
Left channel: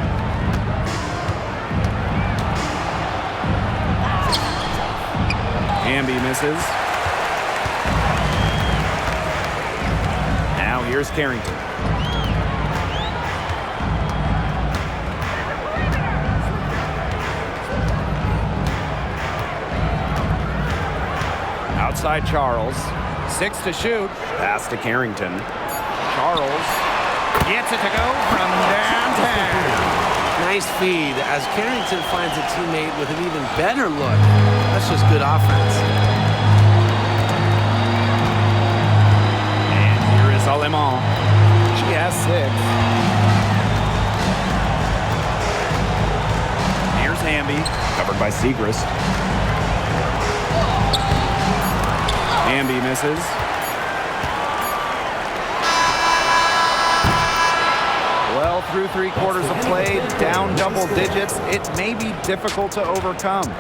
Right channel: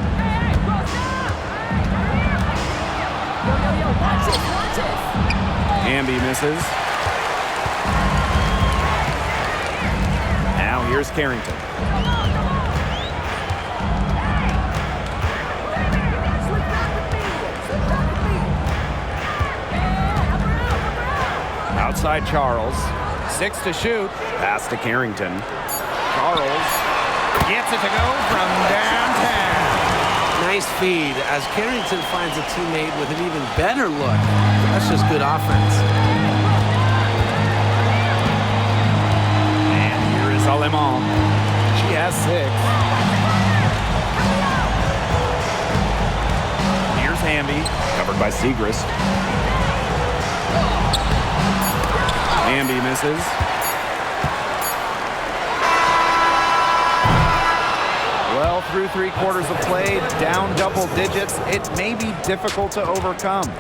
Hamby misses. Now here's Carrington. Outside Charles. 6 to shoot. Pass to Carrington. Charles gets it to go from downtown. Nice feed as Carrington finds a teammate with an even better look. That's just good offense. And here is Aleman. She has 6. Here's Hamby. Covered by Segrist. Hamby misses. Well, through 3 quarters of play, down double digits, it may be difficult to overcome.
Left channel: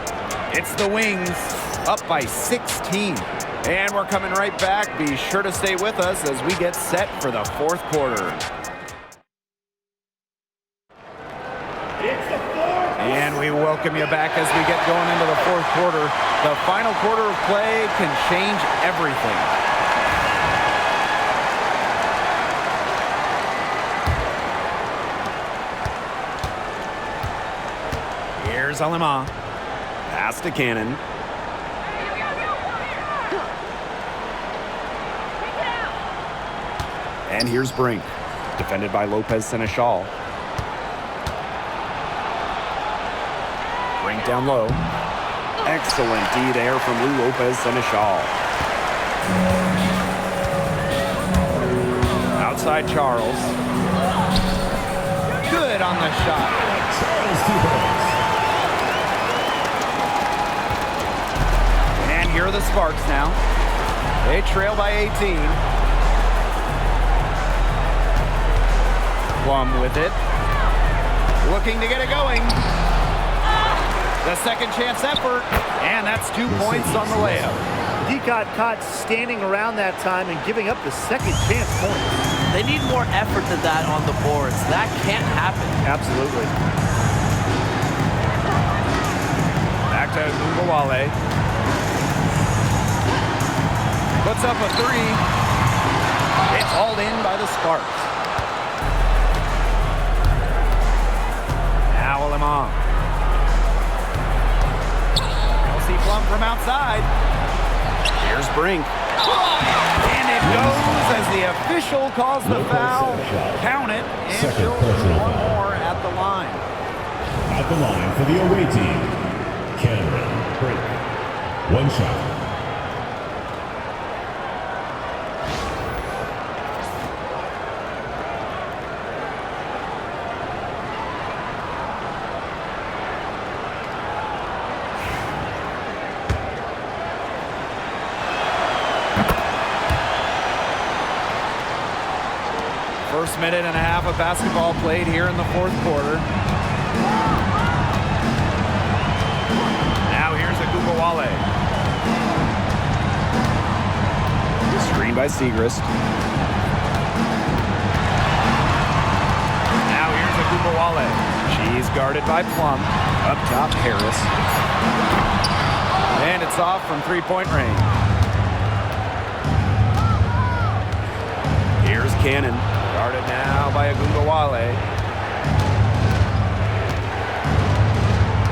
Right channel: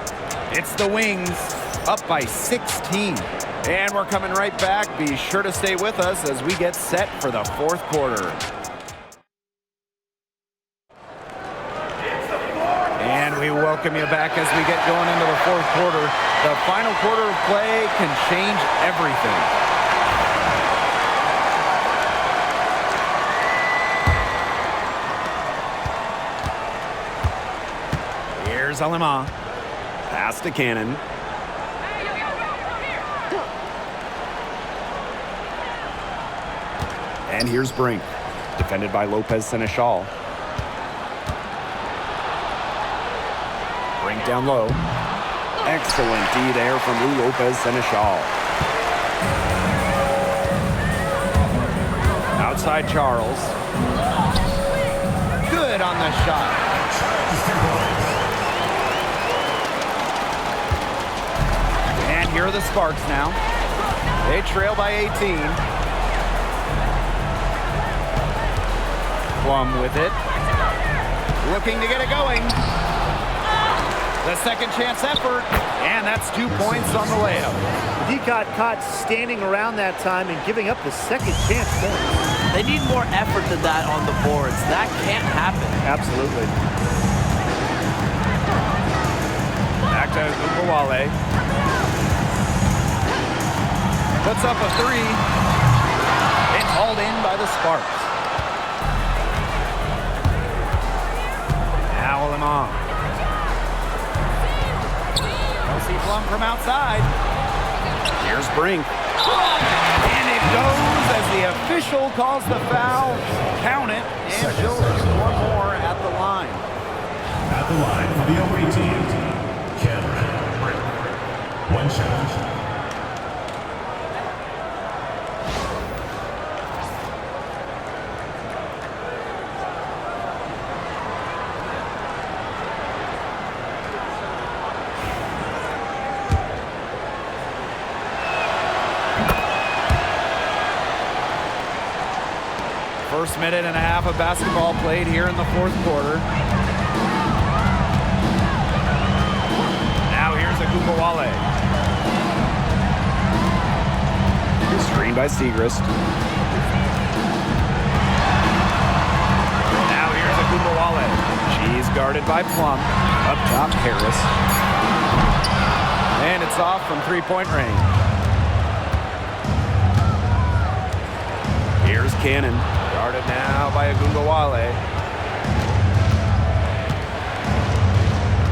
It's the Wings, up by 16. And we're coming right back. Be sure to stay with us as we get set for the 4th quarter. And we welcome you back as we get going into the 4th quarter. The final quarter of play can change everything. Here's Alema. Pass to Cannon. And here's Brink. Defended by Lopez Seneschal. Brink down low. Excellent D there from Lou Lopez Seneschal. Outside Charles. Good on the shot. And here are the Sparks now. They trail by 18. Plum with it. Looking to get it going. The second chance effort, and that's 2 points on the layup. The D got caught standing around that time and giving up the second chance points. They need more effort than that on the boards. That can't happen. Absolutely. Back to Umbawale. Puts up a three. It's hauled in by the Sparks. Now Lemon. Kelsey Plum from outside. Here's Brink. And it goes as the official calls the foul. Count it, and she'll shoot one more at the line. At the line for the away team, Cameron Brink. One shot. First minute and a half of basketball played here in the fourth quarter. Now here's Agumbawale. Screen by Segrist. Now here's Agumbawale. She's guarded by Plum. Up top, Harris. And it's off from three-point range. Here's Cannon. Guarded now by Agumbawale.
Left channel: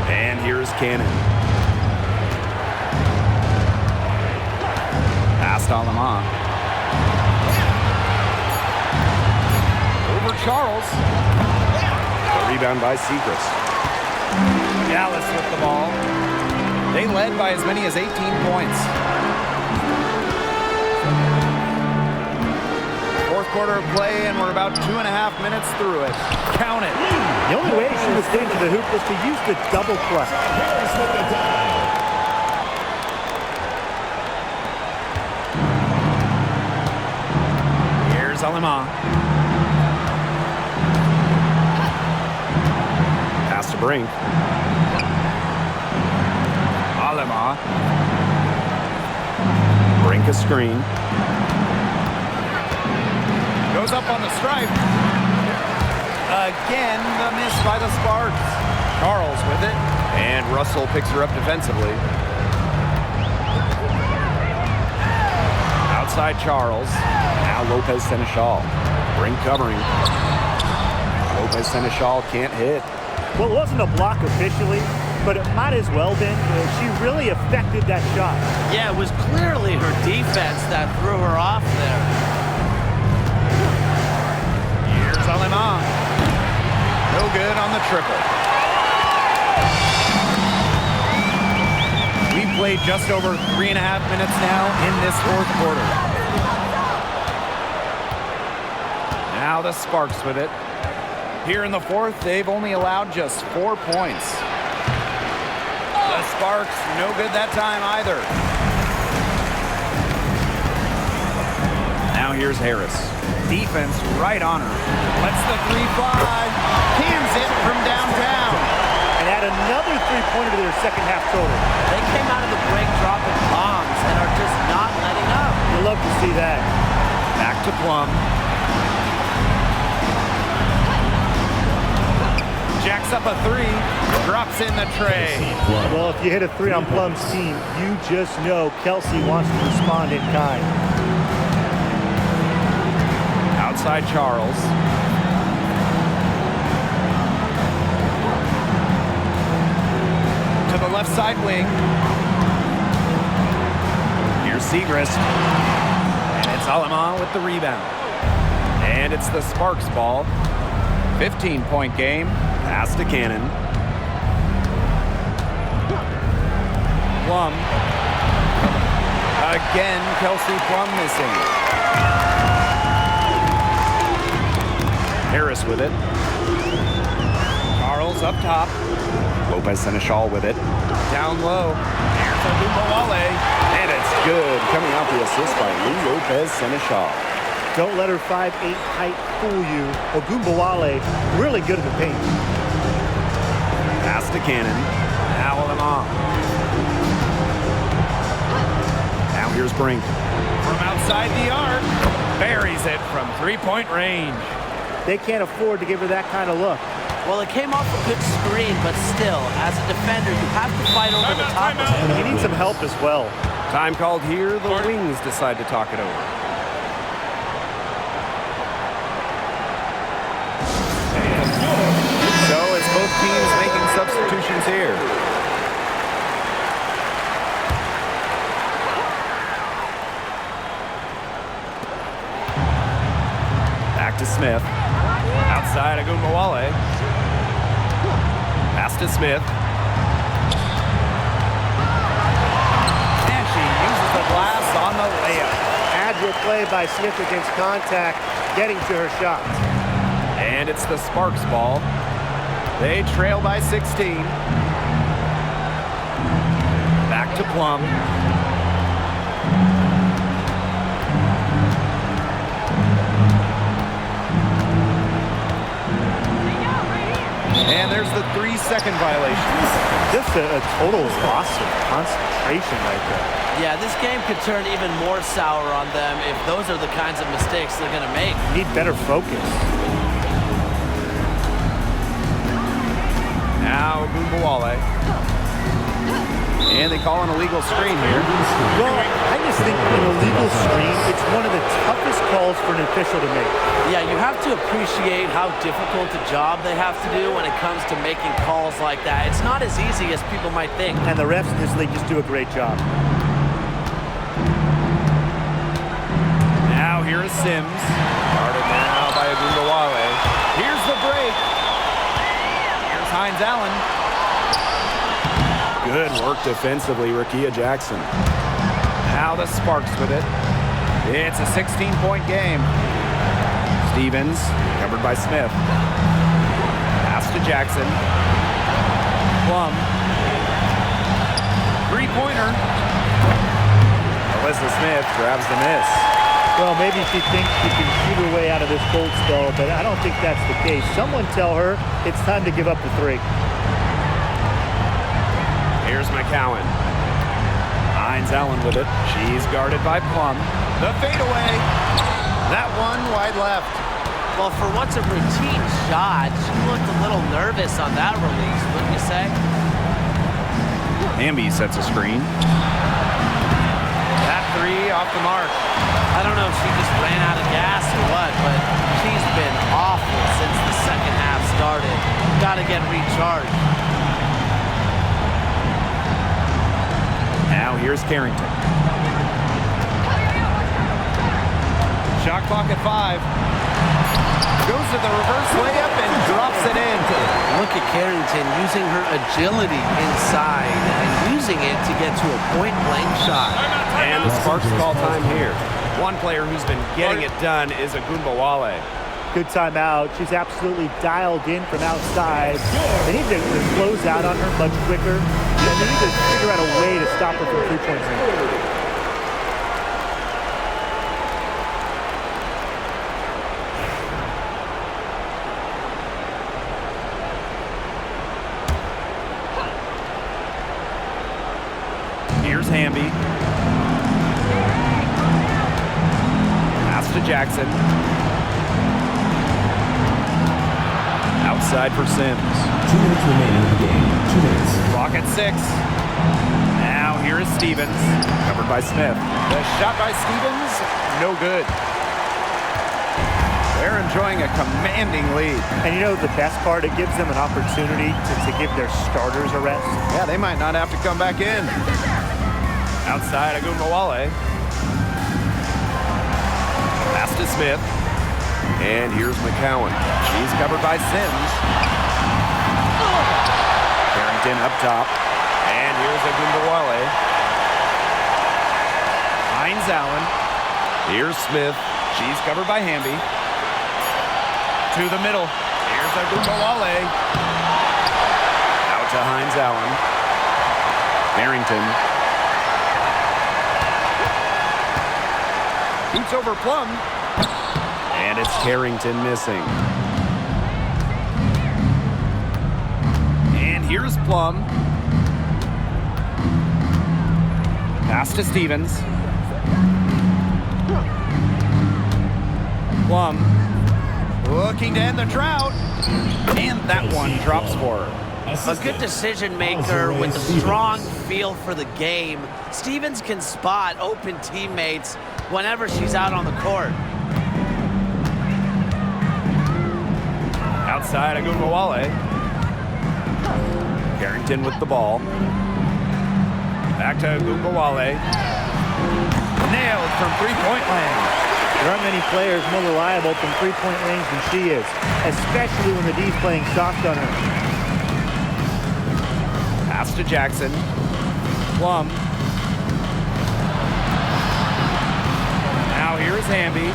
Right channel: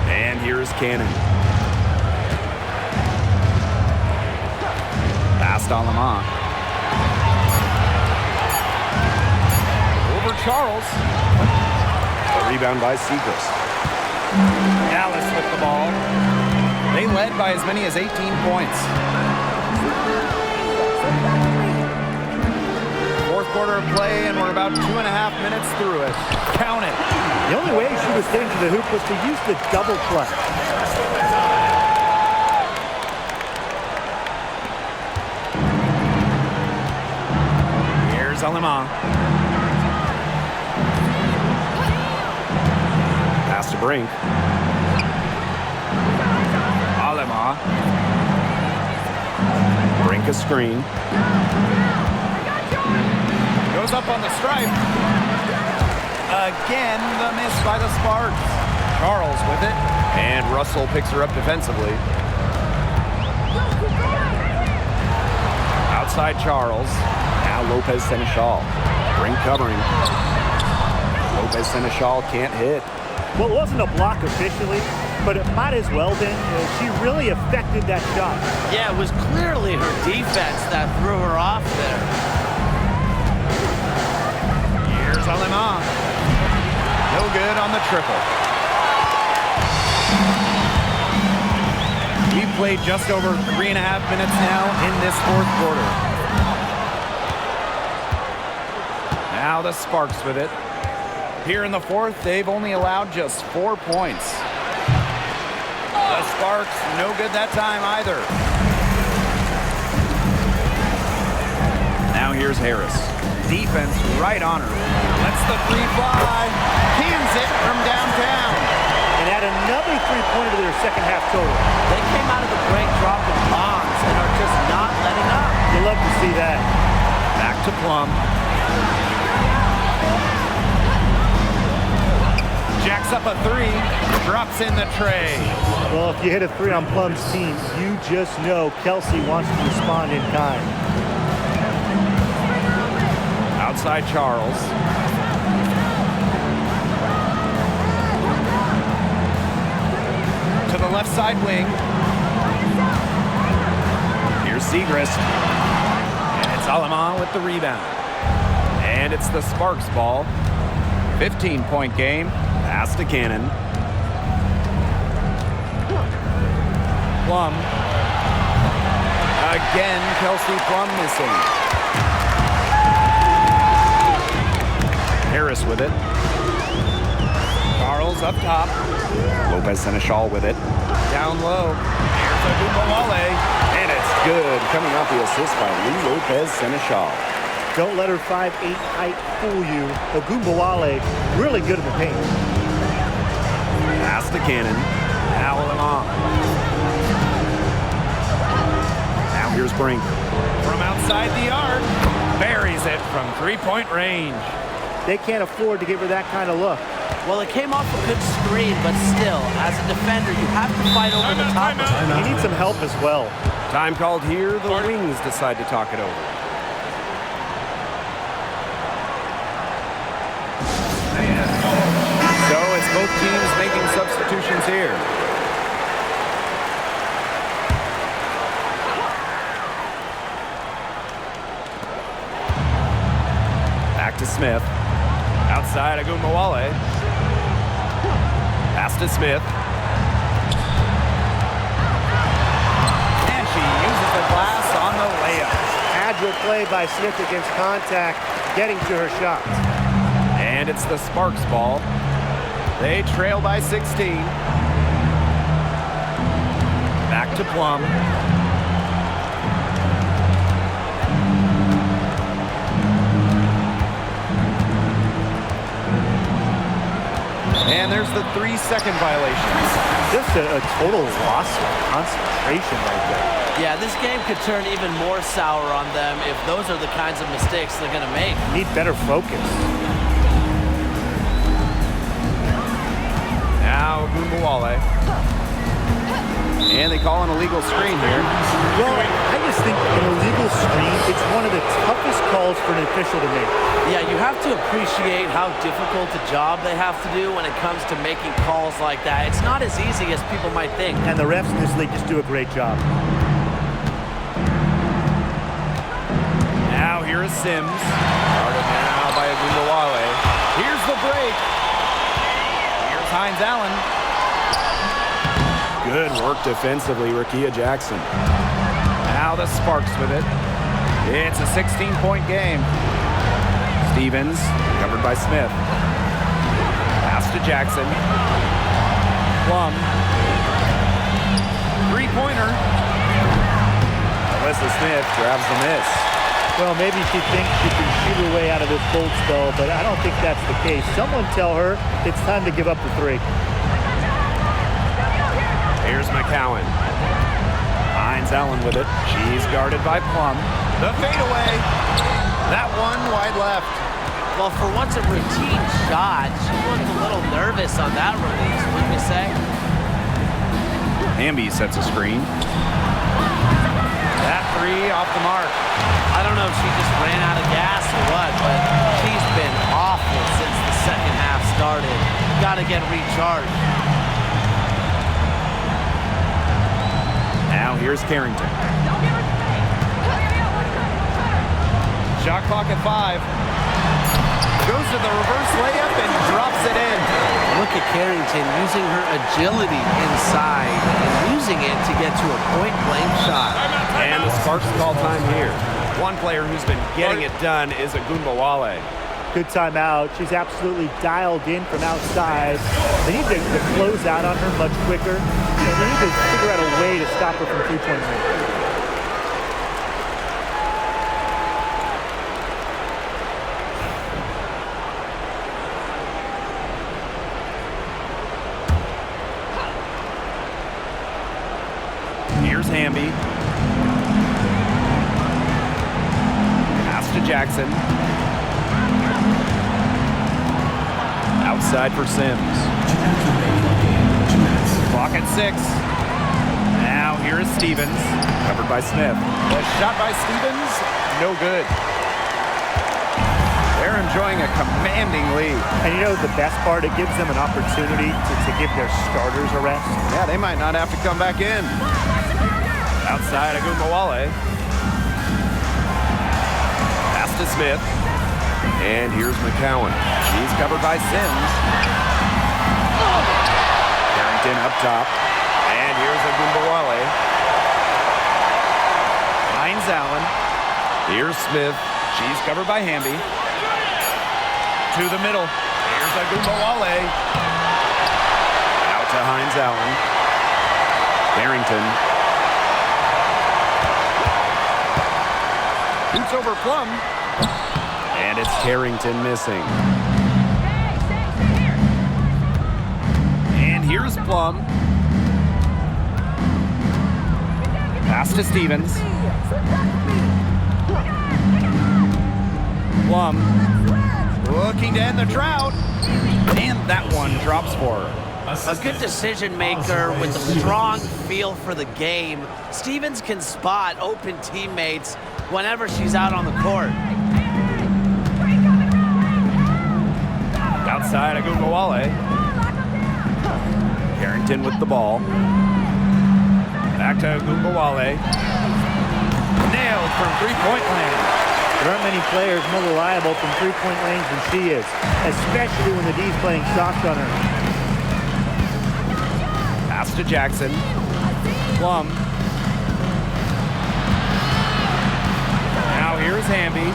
And here's Cannon. Past Alama. Over Charles. The rebound by Segrist. Dallas with the ball. They led by as many as 18 points. Fourth quarter of play, and we're about 2.5 minutes through it. Count it. The only way she was getting to the hoop was to use the double clutch. Here's Alima. Pass to Brink. Alima. Brink a screen. Goes up on the stripe. Again, the miss by the Sparks. Charles with it. And Russell picks her up defensively. Outside Charles. Now Lopez Seneschal. Brink covering. Lopez Seneschal can't hit. Well, it wasn't a block officially, but it might as well been. She really affected that shot. Yeah, it was clearly her defense that threw her off there. Here's Alima. No good on the triple. We've played just over 3.5 minutes now in this fourth quarter. Now the Sparks with it. Here in the fourth, they've only allowed just 4 points. The Sparks, no good that time either. Now here's Harris. Defense right on her. Lets the three fly. Cans it from downtown. And add another three-pointer to their second half total. They came out of the break dropping bombs and are just not letting up. You love to see that. Back to Plum. Jacks up a three. Drops in the tray. Well, if you hit a three on Plum's team, you just know Kelsey wants to respond in kind. Outside Charles. To the left side wing. Here's Segrist. And it's Alima with the rebound. And it's the Sparks ball. 15-point game. Pass to Cannon. Plum. Again, Kelsey Plum missing. Harris with it. Charles up top. Lopez Seneschal with it. Down low. Here's Agumbawale. And it's good. Coming off the assist by Lee Lopez Seneschal. Don't let her 5'8" height fool you. Ogunbowale, really good in the paint. Pass to Cannon. Now Alima. Now here's Brink. From outside the arc. Buries it from three-point range. They can't afford to give her that kind of look. Well, it came off a good screen, but still, as a defender, you have to fight over the top of it. He needs some help as well. Time called here. The Wings decide to talk it over. So it's both teams making substitutions here. Back to Smith. Outside Agunbowale. Pass to Smith. And she uses the glass on the layup. Agile play by Smith against contact, getting to her shots. And it's the Sparks ball. They trail by 16. Back to Plum. And there's the 3-second violation. Just a total loss of concentration right there. Yeah, this game could turn even more sour on them if those are the kinds of mistakes they're going to make. Need better focus. Now Agunbowale. And they call an illegal screen here. Well, I just think an illegal screen, it's one of the toughest calls for an official to make. Yeah, you have to appreciate how difficult a job they have to do when it comes to making calls like that. It's not as easy as people might think. And the refs in this league just do a great job. Now here is Sims. Guarded now by Agunbowale. Here's the break. Here's Hines Allen. Good work defensively, Rakia Jackson. Now the Sparks with it. It's a 16-point game. Stevens, covered by Smith. Pass to Jackson. Plum. Three-pointer. Alyssa Smith grabs the miss. Well, maybe she thinks she can shoot her way out of this cold spell, but I don't think that's the case. Someone tell her it's time to give up the three. Here's McCowan. Hines Allen with it. She's guarded by Plum. The fadeaway. That one wide left. Well, for what's a routine shot, she looked a little nervous on that release, wouldn't you say? Hamby sets a screen. That three off the mark. I don't know if she just ran out of gas or what, but she's been awful since the second half started. Got to get recharged. Now here's Carrington. Shot clock at 5. Goes to the reverse layup and drops it in. Look at Carrington using her agility inside and using it to get to a point-blank shot. And the Sparks call time here. One player who's been getting it done is Agunbowale. Good timeout. She's absolutely dialed in from outside. They need to close out on her much quicker. And they need to figure out a way to stop her from three-point range. Here's Hamby. Pass to Jackson. Outside for Sims. 2 minutes remaining in the game. 2 minutes. Clock at 6. Now here is Stevens. Covered by Smith. The shot by Stevens, no good. They're enjoying a commanding lead. And you know the best part? It gives them an opportunity to give their starters a rest. Yeah, they might not have to come back in. Outside Agunbowale. Pass to Smith. And here's McCowan. She's covered by Sims. Carrington up top. And here's Agunbowale. Hines Allen. Here's Smith. She's covered by Hamby. To the middle. Here's Agunbowale. Out to Hines Allen. Carrington. Shoots over Plum. And it's Carrington missing. And here's Plum. Pass to Stevens. Plum looking to end the drought. And that one drops for her. A good decision maker with a strong feel for the game. Stevens can spot open teammates whenever she's out on the court. Outside of Gungawale. Carrington with the ball. Back to Gungawale. Nailed from three-point land. There aren't many players more reliable from three-point range than she is, especially when the D's playing soft on her. Pass to Jackson. Plum. Now here's Hamby.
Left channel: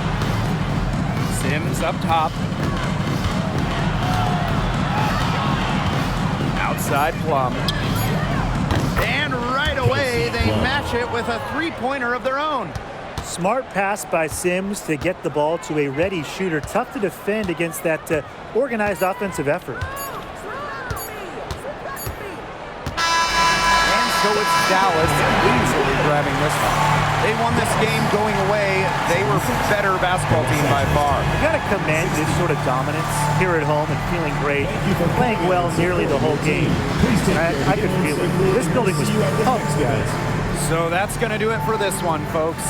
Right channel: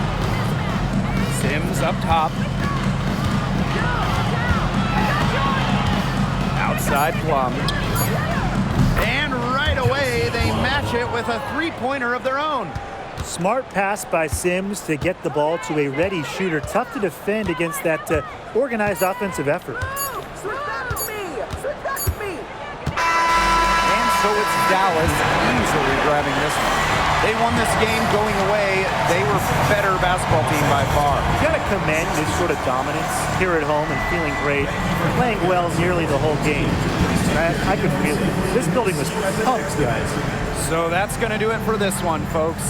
Sims up top. Outside Plum. And right away, they match it with a three-pointer of their own. Smart pass by Sims to get the ball to a ready shooter. Tough to defend against that organized offensive effort. And so it's Dallas easily grabbing this one. They won this game going away. They were better basketball team by far. You got to commend this sort of dominance here at home and feeling great, playing well nearly the whole game. And I could feel it. This building was pumped, guys. So that's going to do it for this one, folks.